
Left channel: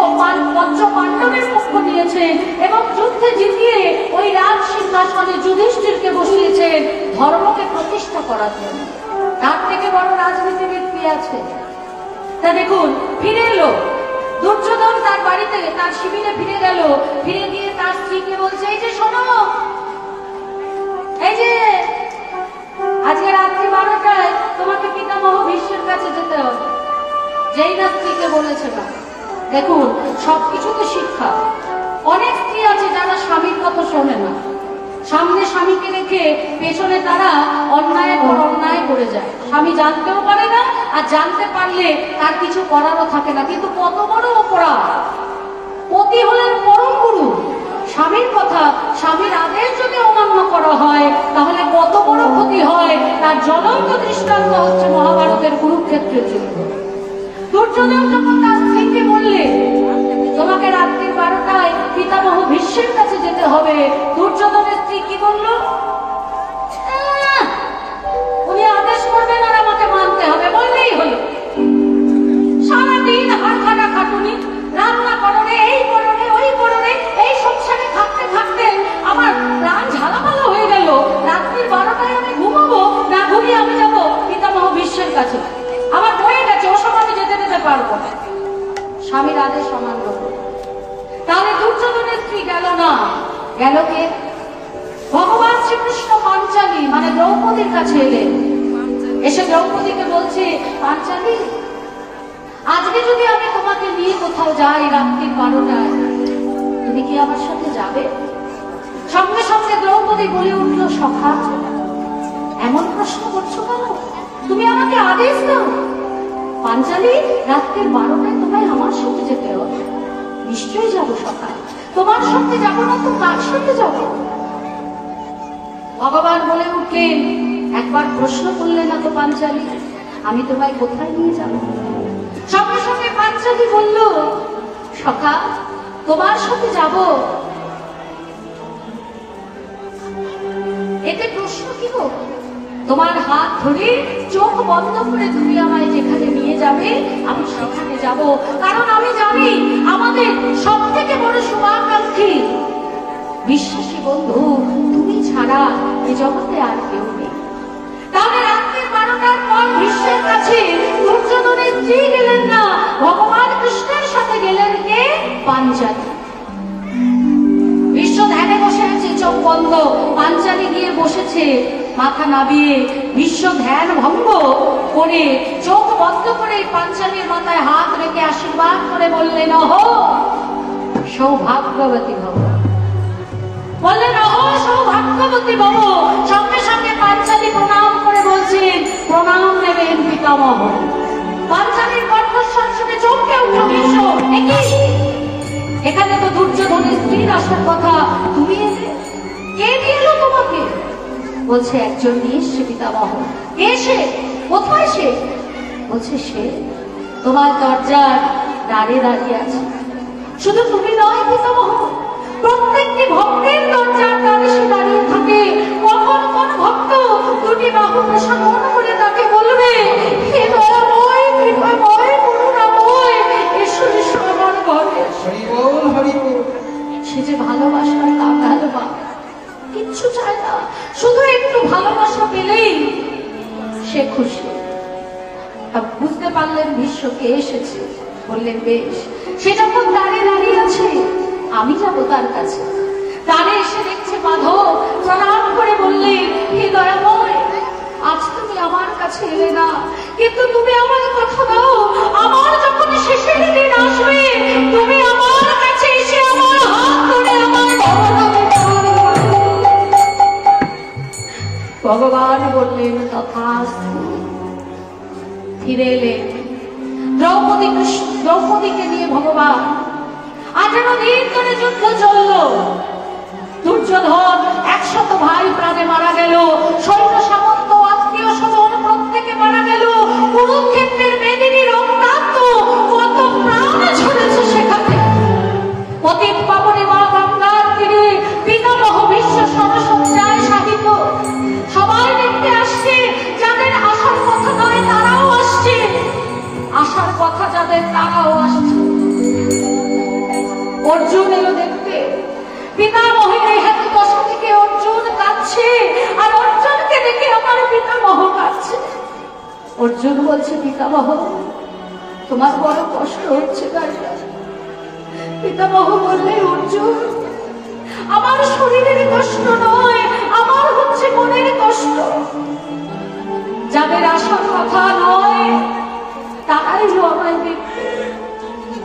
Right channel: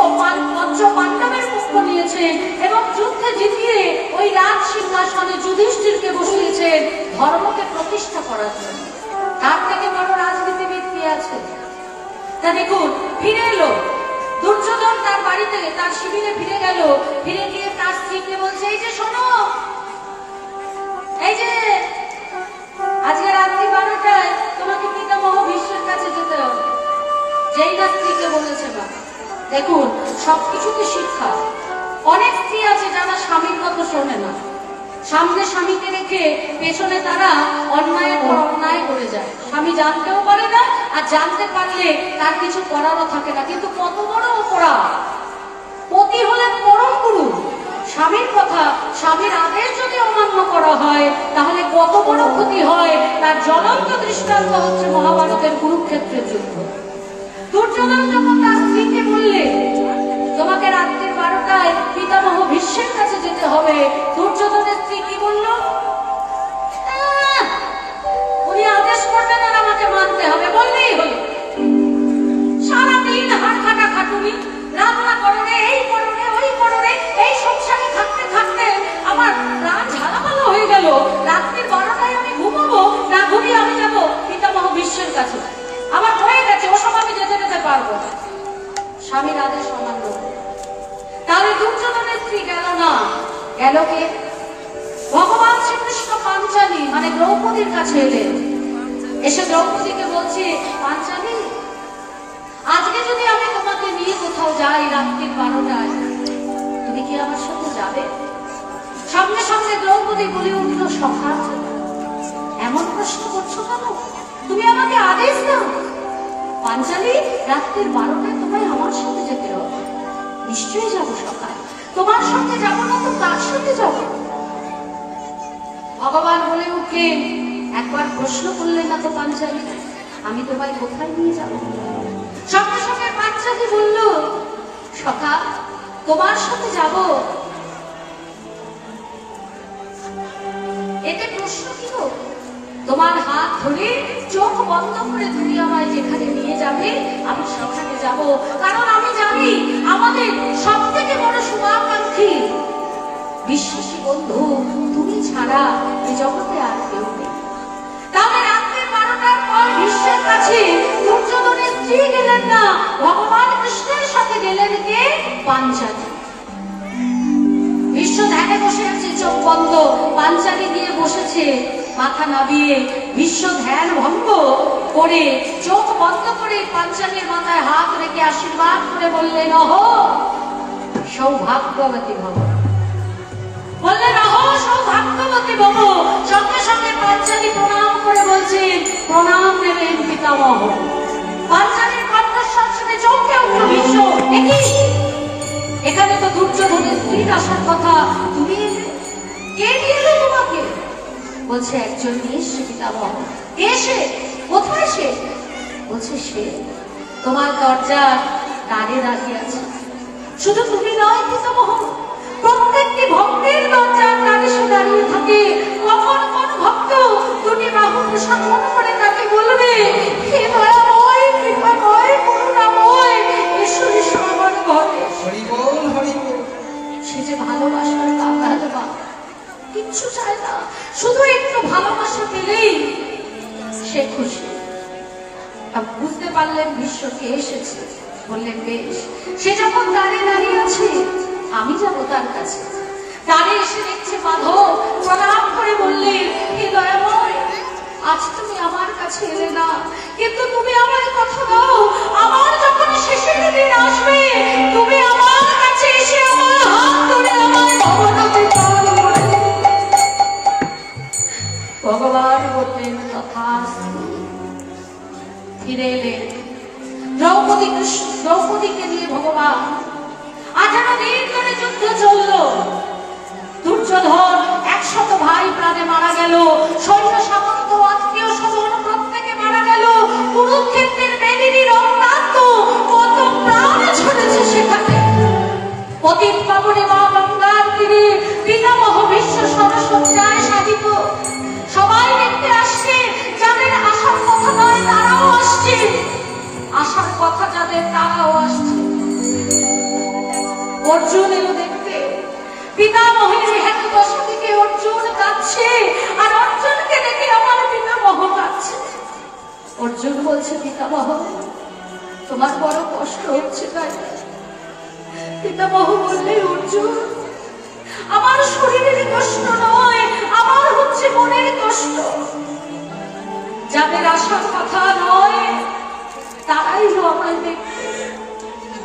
পঞ্চপাণ্ডবের পক্ষ নিয়েছে, এবং যুদ্ধে জিতিয়ে ওই রাজ সিংহাসনে যুধিষ্ঠিরকে বসিয়েছেন ধর্মকে প্রতিষ্ঠা করার জন্য। তার থেকে বড় রাজনীতিবিদ কি আছে? তা দেখুন, ফিরে এলো দুর্যোধন তার বাড়িতে, তার শিবিরে ফিরে গেল। ফিরে গিয়ে তার স্ত্রীকে বলছে, এই যে শোনো, এই যে আজকে রাত্রি 12টায় তোমাকে পিতামহ ভীষ্মের কাছে যেতে হবে। যেই না স্ত্রীকে বলেছে না, দেখুন সবকিছুতে শিক্ষা। অনেক স্ত্রী আছে যারা স্বামীর কথা শোনে না, সামনে স্বামীকে রেখে পেছনে তারা অন্যায় করে যায়। স্বামী জানতেও পারে না, আর জানতে পারলে তার কিছু করারও থাকে না। কিন্তু কত বড় অপরাধ! পতি হলেন পরম গুরু। স্বামীর কথা, স্বামীর আদেশ যদি অমান্য করা হয়, তাহলে কত বড় ক্ষতি হয়, তার জ্বলন্ত দৃষ্টান্ত হচ্ছে মহাভারতের কুরুক্ষেত্রের যুদ্ধ। দুর্যোধন যখন তার স্ত্রীকে বললে তোমাকে রাত্রি 12টায় পিতামহ ভীষ্মের কাছে যেতে হবে, দুর্যোধনের স্ত্রী কি বলল? উনি আদেশ করবেন আর আমাকে মানতে হবে, বললেই হলো। সারাদিন হাড় কাটা খাটুনি, রান্না করো রে, এই করো রে, ওই করো রে, এই সংসারে থাকতে থাকতে আমার প্রাণ ঝালাপালা হয়ে গেল। রাত্রি 12টায় আমি ঘুমাবো না, ঘুমিয়ে আমি যাবো পিতামহ ভীষ্মের কাছে। আমার হয়ে গেছে, ও সময় আমি যেতে পারবো না। স্বামীর আদেশ অমান্য করে। তাহলে দুর্যোধনের স্ত্রী গেল না, গেল কে? ভগবান শ্রীকৃষ্ণ পাঞ্চালী মানে দ্রৌপদীর কাছে এলেন। এসে দ্রৌপদীকে বলছে, পাঞ্চালী, আজকে যদি আমি তোমাকে নিয়ে কোথাও যাই রাত্রি 12টায়, তুমি কি আমার সাথে যাবে? সঙ্গে সঙ্গে দ্রৌপদী বলে উঠল, সখা, এমন প্রশ্ন করছো কেন? তুমি আমাকে আদেশ দাও। পাঞ্চালী, রাত্রি 12টায় তোমায় আমার সাথে যেতে হবে। নিশ্চয়ই যাবো সখা, তোমার সাথে যাবো না তো কার সাথে যাবো? ভগবান বলে উঠলেন, একবার প্রশ্ন করলে না তো পাঞ্চালী, আমি তোমায় কোথায় নিয়ে যাবো? সঙ্গে সঙ্গে পাঞ্চালী বলল, সখা, তোমার সাথে যাব। এতে প্রশ্ন কি গো? তোমার হাত ধরে চোখ বন্ধ করে তুমি আমায় যেখানে নিয়ে যাবে আমি সেখানে যাব। কারণ আমি জানি আমাদের সব থেকে বড় শুভাকাঙ্ক্ষী বিশ্বাসী বন্ধু তুমি ছাড়া এই জগতে আর কেউ নেই। তাহলে রাত্রি 12টার পর বিশ্বের কাছে দুর্যোধনের স্ত্রী গেলেন না, ভগবান কৃষ্ণের সাথে গেলেন কে? পাঞ্চালী। বিশ্ব ধ্যানে বসে আছে, চোখ বন্ধ, পাঞ্চালী গিয়ে বসেছে মাথা নাবিয়ে। বিশ্ব ধ্যান ভঙ্গ করে চোখ বন্ধ করে পাঞ্চালীর মাথায় হাত রেখে আশীর্বাদ করে বললেন, অহো সৌভাগ্যবতী ভব। বললেন, অহো সৌভাগ্যবতী ভব। সঙ্গে সঙ্গে পাঞ্চালী প্রণাম করে বলছেন, প্রণাম নেবেন পিতামহ। পাঞ্চালীর কণ্ঠস্বর শুনে চমকে উঠল বিশ্ব, এখানে তো দুর্যোধনের স্ত্রীর আসার কথা, তুমি এলে? কে দিল তোমাকে? বলছে, একজন নিয়ে এসছে পিতামহ। কে সে? কোথায় সে? বলছে, সে তোমার দরজার দ্বারে দাঁড়িয়ে আছে। শুধু তুমি নয় পিতামহ, প্রত্যেকটি ভক্তের দরজার দ্বারে সে দাঁড়িয়ে থাকে। কখন কোন ভক্ত দুটি বাহু সমন করে তাকে বলবে, হে দয়াময়, কৃপাময়, করুণাময়, এসো এসো আমার ঘরে। সে যে ভালোবাসার কাঙ্গাল মা, কিচ্ছু চায় না, শুধু একটু ভালোবাসা পেলেই সে খুশি। বুঝতে পারলেন বিশ্বকে এসেছে, বললেন বেশ। সে যখন দাঁড়িয়ে দাঁড়িয়ে আছে, আমি যাব তার কাছে। দাঁড়িয়ে এসে দেখছে মাধব, প্রণাম করে বললেন, হে দয়াময়, আজ তুমি আমার কাছে এলে না, কিন্তু তুমি আমার কথা দাও, আমার যখন শেষের দিন আসবে তুমি আমার কাছে এসে আমার হাত ধরে আমার ভগবানের চরণ ধরে। ভগবান বললেন, তথাস্তু। ফিরে এলেন দ্রৌপদীকে নিয়ে ভগবান। 18 দিন ধরে যুদ্ধ চলল। দুর্যোধন 100 ভাই প্রাণে মারা গেল, সৈন্য সামন্ত আত্মীয় স্বজন প্রত্যেকে মারা গেল। কুরুক্ষেত্রের মেদিনী রক্তাক্ত কত প্রাণ ঝরেছে সেখানে। পতিত পাবনে মা গঙ্গার তীরে পিতামহ বিশ্ব সরসজ্জায় সাধিত। সবাই দেখতে আসছে, যাদের আসার কথা নয় তারাও আসছে, আসার কথা যাদের তারাও আসছে। অর্জুন এলো দেখতে। পিতামহের হেতু দশা থেকে অর্জুন কাঁদছে, আর অর্জুনকে দেখে আমার পিতামহ কাঁদছে। অর্জুন বলছে, পিতামহ, তোমার বড় কষ্ট হচ্ছে তাই না? পিতামহ বললে, অর্জুন, আমার শরীরের কষ্ট নয়, আমার হচ্ছে মনের কষ্ট। যাদের আসার কথা নয় তারাই আমায় দেখতে,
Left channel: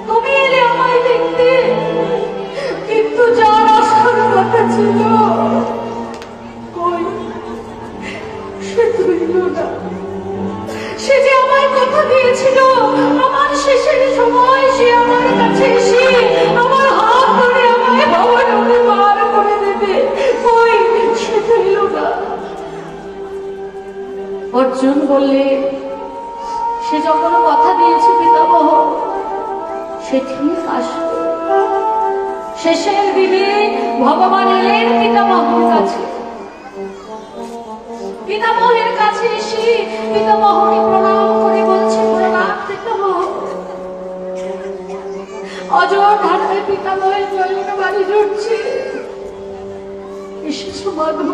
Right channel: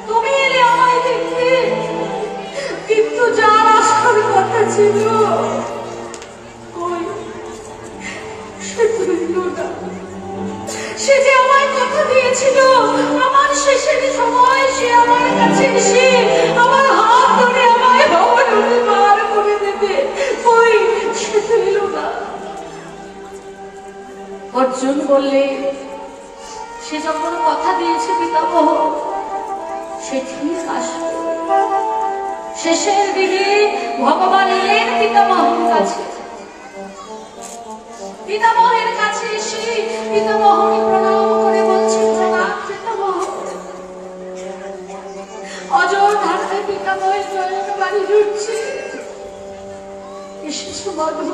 তুমি এলে আমায় দেখতে, কিন্তু যার আসার কথা ছিল সে তুলল না। সে যে আমার কথা দিয়েছিল আমার শেষের সময় সে আমার কাছে এসে আমার হাত ধরে আমায় ভগবানকে পার করে দেবে, ওই সে তুলল না। অর্জুন বললে, সে যখন কথা দিয়েছে পিতামহ সে ঠিক আসবে। শেষের দিনে ভগবান এলেন পিতামহের কাছে। পিতামহের কাছে এসে পিতামহকে প্রণাম করে বলছে, প্রণাম পিতামহ। অযোধ্যাতে পিতামহের জয়ন বাড়ি ঢুকছে। এসেছো মাধব,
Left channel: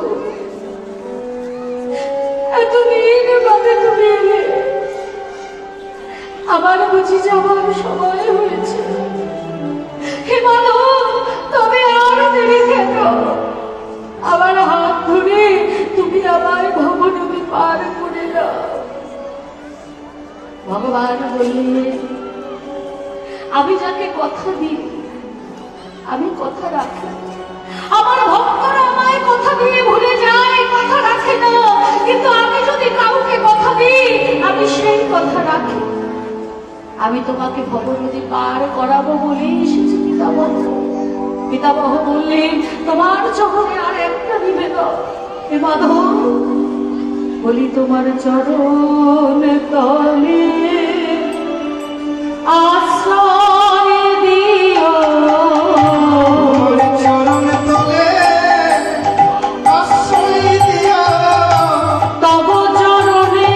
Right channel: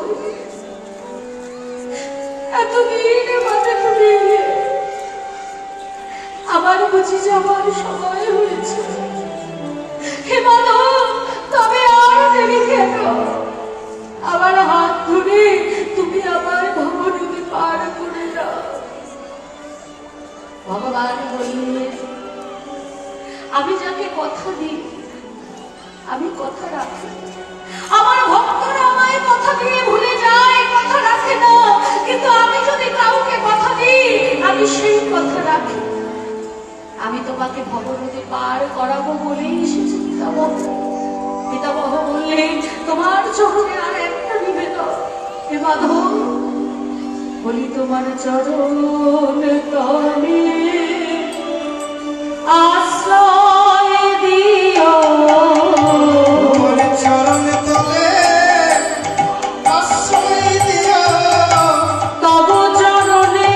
এতদিন ভাবে তুমি এলে, আমার বুঝি যাবার সময় হয়েছে। হে মাধব, তবে আর দেরি কেন? আমার হাত ভগবান বললেন, আমি যাকে কথা দিই আমি কথা রাখি। আমার ভক্তরা আমায় কথা দিয়ে ভুলে যায়, কথা রাখে না, কিন্তু আমি যদি কাউকে কথা দিই আমি সেই কথা রাখি। আমি তোমাকে ভবনদী পার করাবো বলে এসেছি পিতামহ। পিতামহ বললেন, তোমার চরণে আর একটা নিবেদন। হে মাধব, বলি তোমার চরণ তলে আশ্রয় দিও। চরণ তলে আশ্রয় দিও। তব চরণে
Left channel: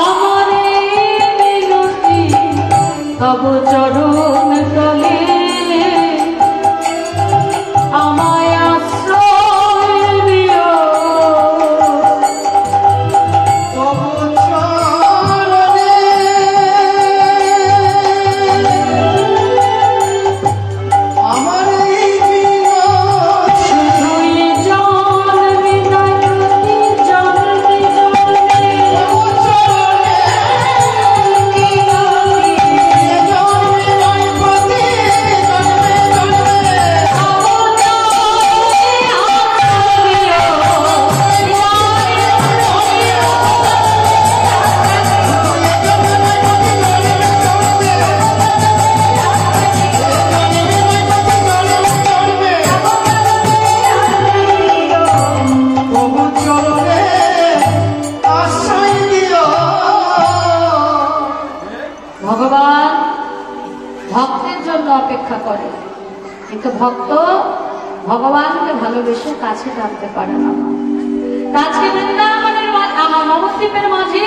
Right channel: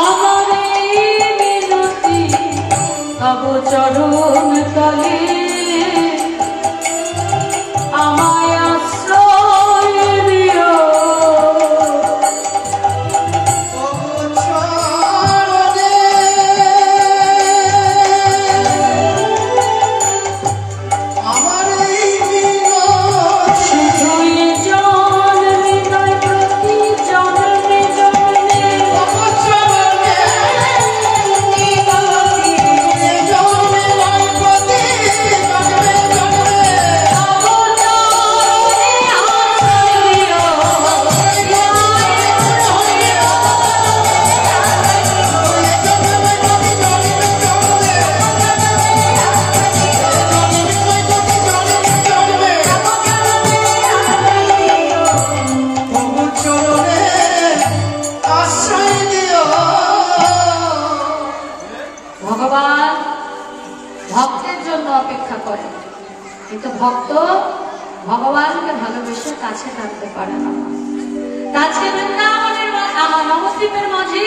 আমার মিনতি, তব চরণ তলে আমায় আশ্রয় দিও। তবু চরণে আমার এই বিনাশ শুধুই জন হৃদয় প্রতি জন্মে জন্মে তবু চরণে মিনতি। জন্মে নয় প্রতি জন্মে জন্মে তবু চরণে আশ্রয় দিও। ভগবান ভক্তের জন্য অপেক্ষা করে, কিন্তু ভক্ত ভগবানকে ভালোবেসে কাছে টানতে পারে না। আজকে বৃন্দাবনের নবদ্বীপের মাঝে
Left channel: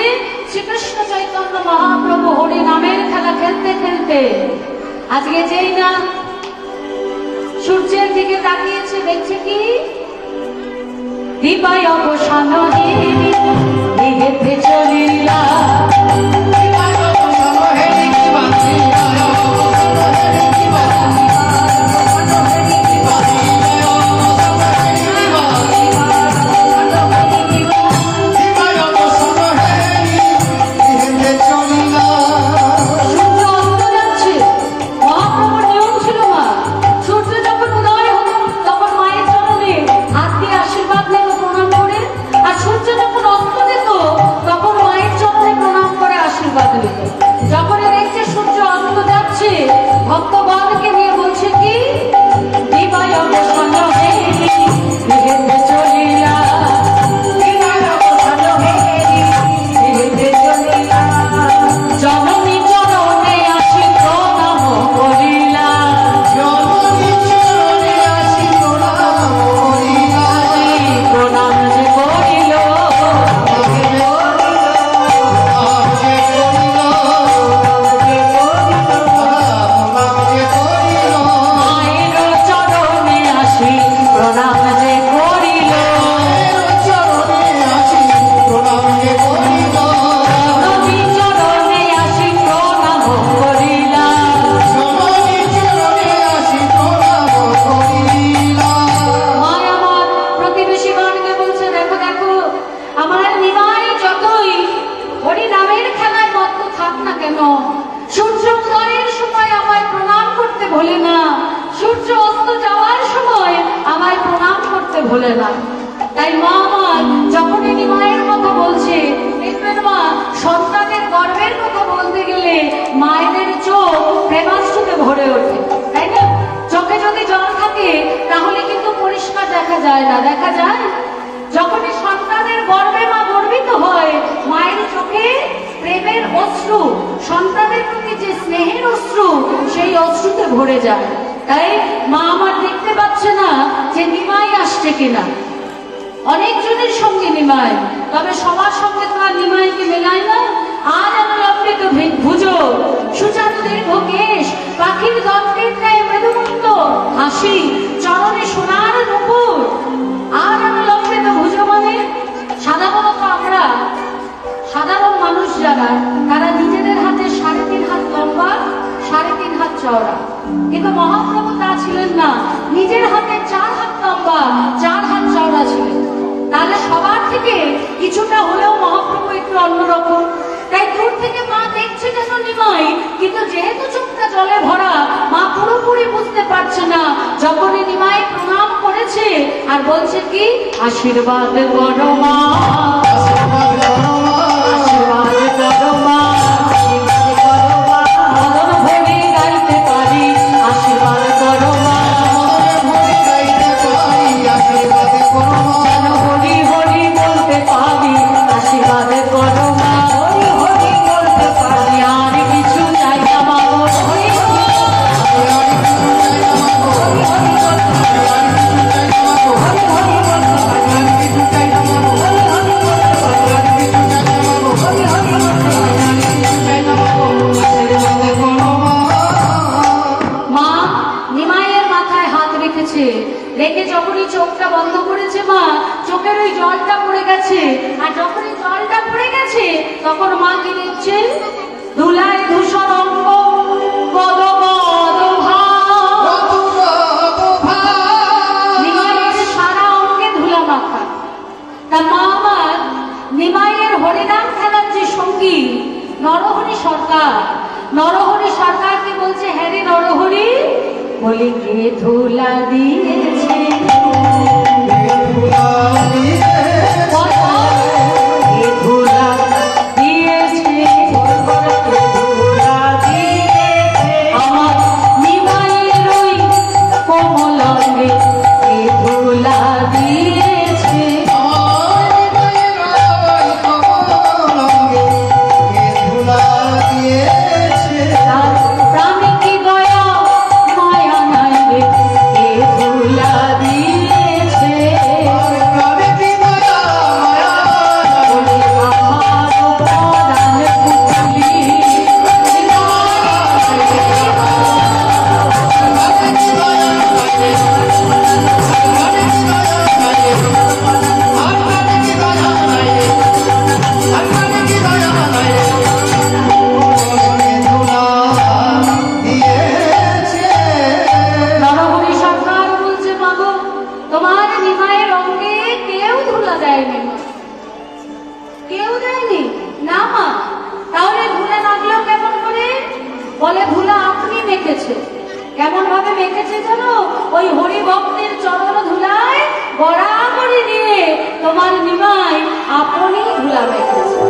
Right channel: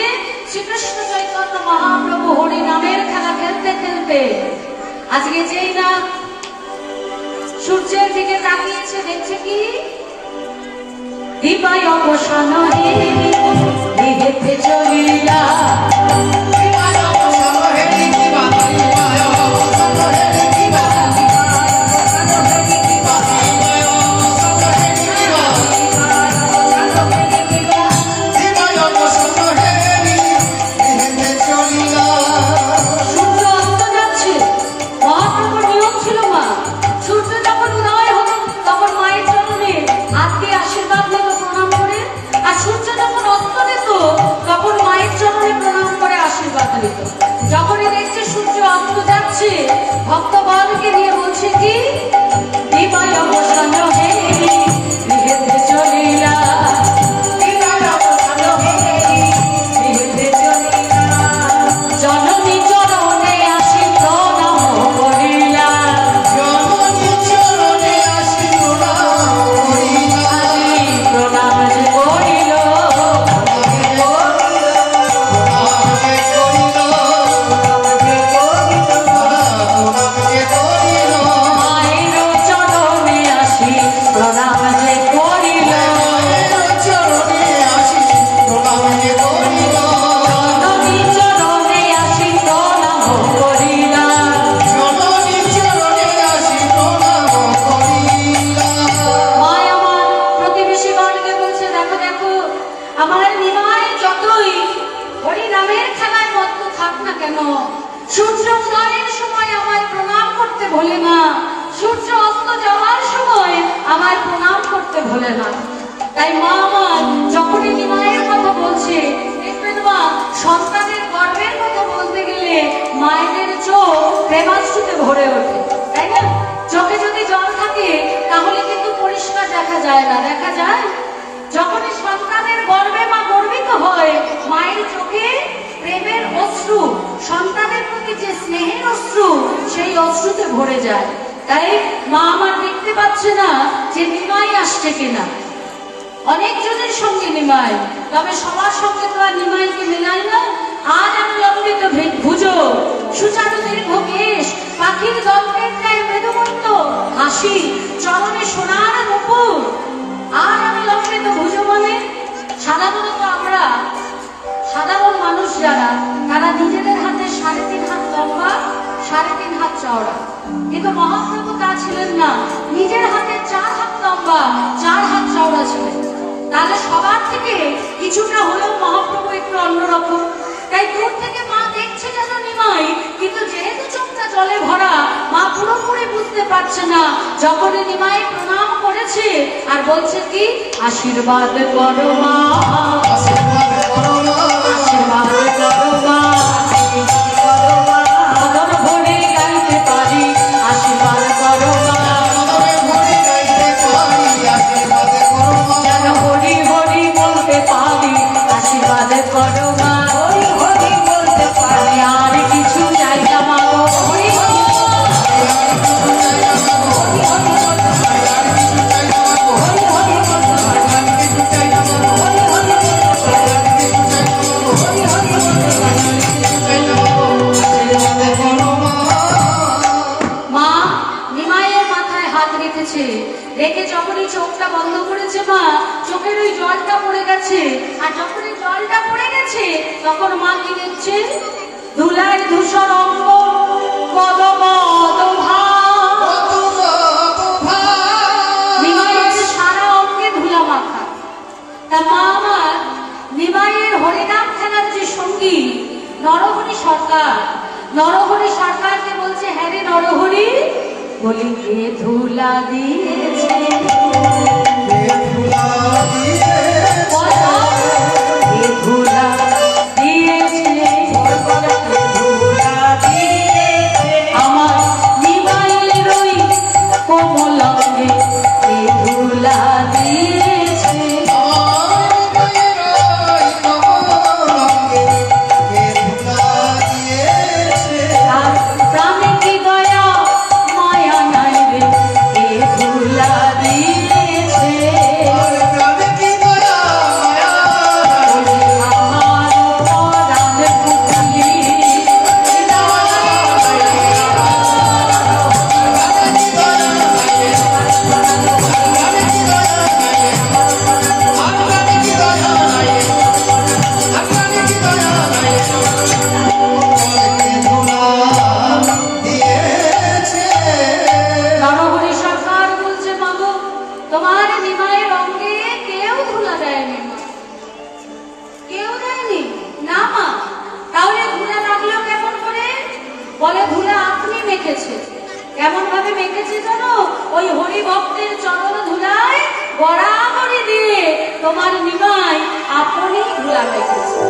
শ্রীকৃষ্ণ চৈতন্য মহাপ্রভু হরি নামের খেলা খেলতে খেলতে আজকে যেই না সূর্যের দিকে তাকিয়েছে, দেখছে কি দীপায় অবসান হেতে চলিয়া। সূর্য অস্ত যাচ্ছে, মহাপ্রভুর নিয়ম ছিল মা, সূর্য যখন উদয় হতো তখন মায়ের চরণে হাত দিয়ে আশীর্বাদ নিত প্রণাম করে, আর সূর্য যখন অস্ত যেত তখন মায়ের চরণে প্রণাম করে আশীর্বাদ নিত। যখনই দেখছে সূর্য অস্ত যাচ্ছে, ভক্তগণকে নিয়ে বলছে কি বিময় অবসান হেতে চলিলা। জননী চরণে আসি প্রণাম করিলা। প্রণাম যে করিল মায়ের চরণে আসি প্রণাম যে করিল। জননী চরণে আসি প্রণাম করিলা। মায় আমার প্রতিবেশীগণকে বলছে, দেখো দেখো আমার নিমাই যতই হরি নামের খেলায় মত্ত থাক না কেন, সূর্য উদয়ের সময় আমায় প্রণাম করতে ভোলে না, সূর্য অস্ত যাওয়ার সময় আমায় প্রণাম করতে ভোলে না। তাই মা আমার যখনই নিমায়ের কথা বলছে, দেখবেন মা সন্তানের গর্বের কথা বলতে গেলে মায়েদের চোখ প্রেমাশ্রুতে ভরে ওঠে, তাই না? চোখে যদি জল থাকে তাহলে কিন্তু পরিষ্কার দেখা যায় না, দেখা যায় যখনই সন্তানের গর্বে মা গর্বিত হয়, মায়ের চোখে প্রেমের অশ্রু, সন্তানের প্রতি যে স্নেহের অশ্রু, সেই অশ্রুতে ভরে যায়। তাই মা আমার দেখতে পাচ্ছে না যে নিমাই আসছে কিনা, অনেকজনের সঙ্গে নিমাই, তবে সবার সঙ্গে তো আর নিমাইকে মেলায় না। আর আমি অমৃত ভুজো সুচারু দীর্ঘ কেশ, পাখির দন্তের ন্যায় মৃদুমন্ত হাসি, চরণে সোনার নুপুর। আর আমি অমৃত ভুজো মানে সাধারণত আমরা সাধারণ মানুষ যারা, তারা নিজেদের হাতে 3.5 হাত লম্বা 3.5 হাত চওড়া, কিন্তু মহাপ্রভু তা ছিলেন না, নিজের হাতে 4 হাত লম্বা 4 হাত চওড়া ছিলেন। তাহলে সবার থেকে কিছুটা হলেও মহাপ্রভু একটু অন্যরকম। তাই দূর থেকে মা দেখছে যেন নিমাই, কিন্তু যেহেতু চোখটা জলে ভরা মা পুরোপুরি বুঝতে পারছে না। যখনই নিমাই প্রণাম করেছে আর বলছে কি, আশীর্বাদ করো মা, আশীর্বাদ করো মা, আশীর্বাদ করো মা, মদন ভরে গাইতে পারি, আশীর্বাদ করো মা, মনে গাইতে পারি, আশীর্বাদ করো মা, যেন হরি হরি বলতে পারি, আশীর্বাদ করো মা, হরি হরি বলতে পারি, আর কিছু চাই না মা গো, হরি হরি হরি হরি বলতে পারি, হরি হরি বলতে পারি, কিছু চাই না মা, হরি হরি বলতে পারি, হরি হরি বলতে পারি। আশীর্বাদ করো মা। মা নিমাইয়ের মাথায় হাত রেখেছে, রেখে যখনই চোখটা বন্ধ করেছে মা, চোখের ওই জলটা পড়ে গেছে। আর যখনই জলটা পড়ে গেছে তখন মা কি দেখছে, ধুলায় ধূসর অঙ্গ, গদ গদ ভাব। নিমাইয়ের সারা অঙ্গে ধুলা মাখা। তা মা আমার নিমাইয়ের হরিনাম খেলার যে সঙ্গী নরহরি সরকার, নরহরি সরকারকে বলছে, হ্যাঁ রে নরহরি, বলি কে ধুলা দিয়েছে, কে ধুলা দিয়েছে, কে ধুলা দিয়েছে, আমার নিমাইয়ের ওই কোমল অঙ্গে কে ধুলা দিয়েছে। তার প্রাণে কি দয়া মায়া নাই রে, কে ধুলা দিয়েছে, বলে আমার পরাণ পুতলি, নরহরি সরকার বলছে, মাগো তোমার নিমাইয়ের অঙ্গে কেউ ধুলা দেয়নি মা, কেউ দেয়নি না মা। তাহলে ধুলা লাগলো কেমন করে? বলে ধুলা আপনি মেখেছে। কেমন ভাবে মেখেছে জানো? ওই হরি ভক্তের চরণ ধুলায় বরাবরই দিয়ে তোমার নিমাই আপনি ধুলা মেখেছে।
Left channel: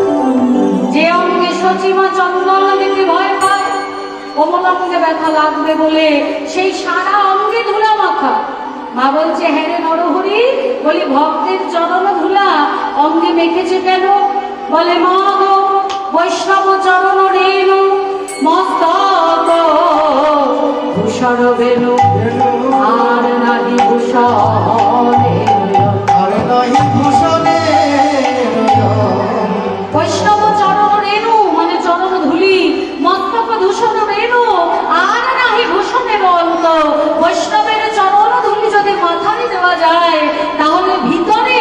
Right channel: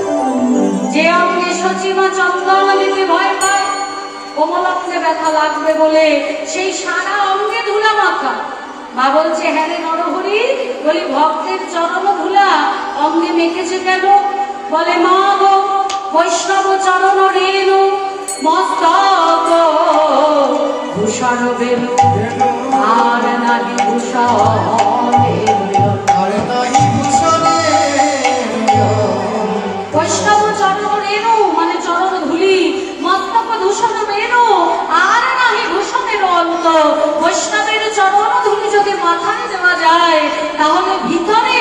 যে অঙ্গে সচিমা চন্দন মেখে ভয় পায়, কোমল অঙ্গে ব্যথা লাগবে বলে সেই সারা অঙ্গে ধুলা মাখা। মা বলছে, হ্যাঁ রে নরহরি, বলি ভক্তের চরণ ধুলা অঙ্গে মেখেছে কেন? বলে মা গো, বৈষ্ণব চরণ রেণু মস্তক ভূষণ বেনু, আর নাহি বৈষ্ণব চরণ রেণু মানে চরণ ধুলি, মস্তক দূষণ রেণু, আর নাহি ভূষণের অন্ত। বৈষ্ণবের চরণ ধুলি যদি মাথায় দেওয়া যায় তাহলে ভিতরে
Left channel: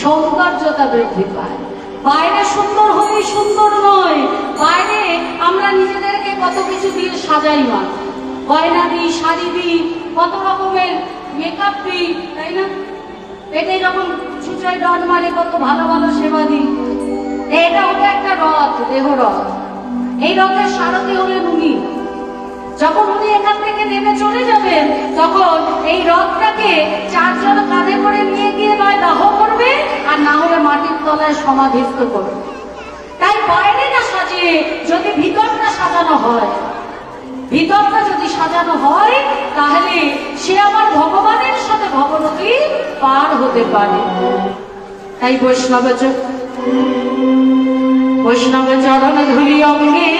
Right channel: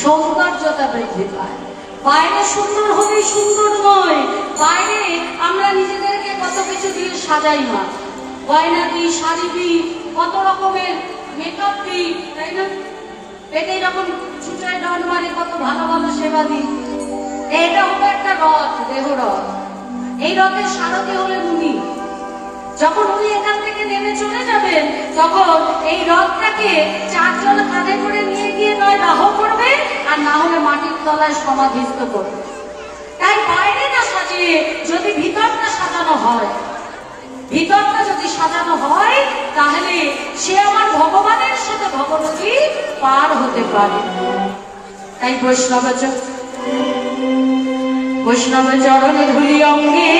সৌন্দর্যতা বৃদ্ধি পায়। বাইরে সুন্দর হলেই সুন্দর নয়, বাইরে আমরা নিজেদেরকে কত কিছু দিয়ে সাজাই মা, গয়না দিই, শাড়ি দিই, কত রকমের মেকআপ দিই, তাই না? পেটে যখন ছুটরায় ডট মারে কত ভালো ভালো সেবা দিই। এটা হলো একটা রথ, দেহ রথ। এই রথের সারথি হলেন উনি। যখন উনি এখান থেকে নেমে চলে যাবেন তখন এই রথটাকে 4 জন কাঁধে করে নিয়ে গিয়ে নয় দাহ করবে, আর না হলে মাটির তলায় সমাধিস্থ করবে। তাই বাইরে না সাজিয়ে যদি ভিতরটা সাজানো হয়, ভিতরটা যদি সাজানো হয় তাহলে সে আমার ভগবানের সাথে ভগবতী পার হতে পারে। তাই বৈষ্ণব চরণ ধুলি অঙ্গে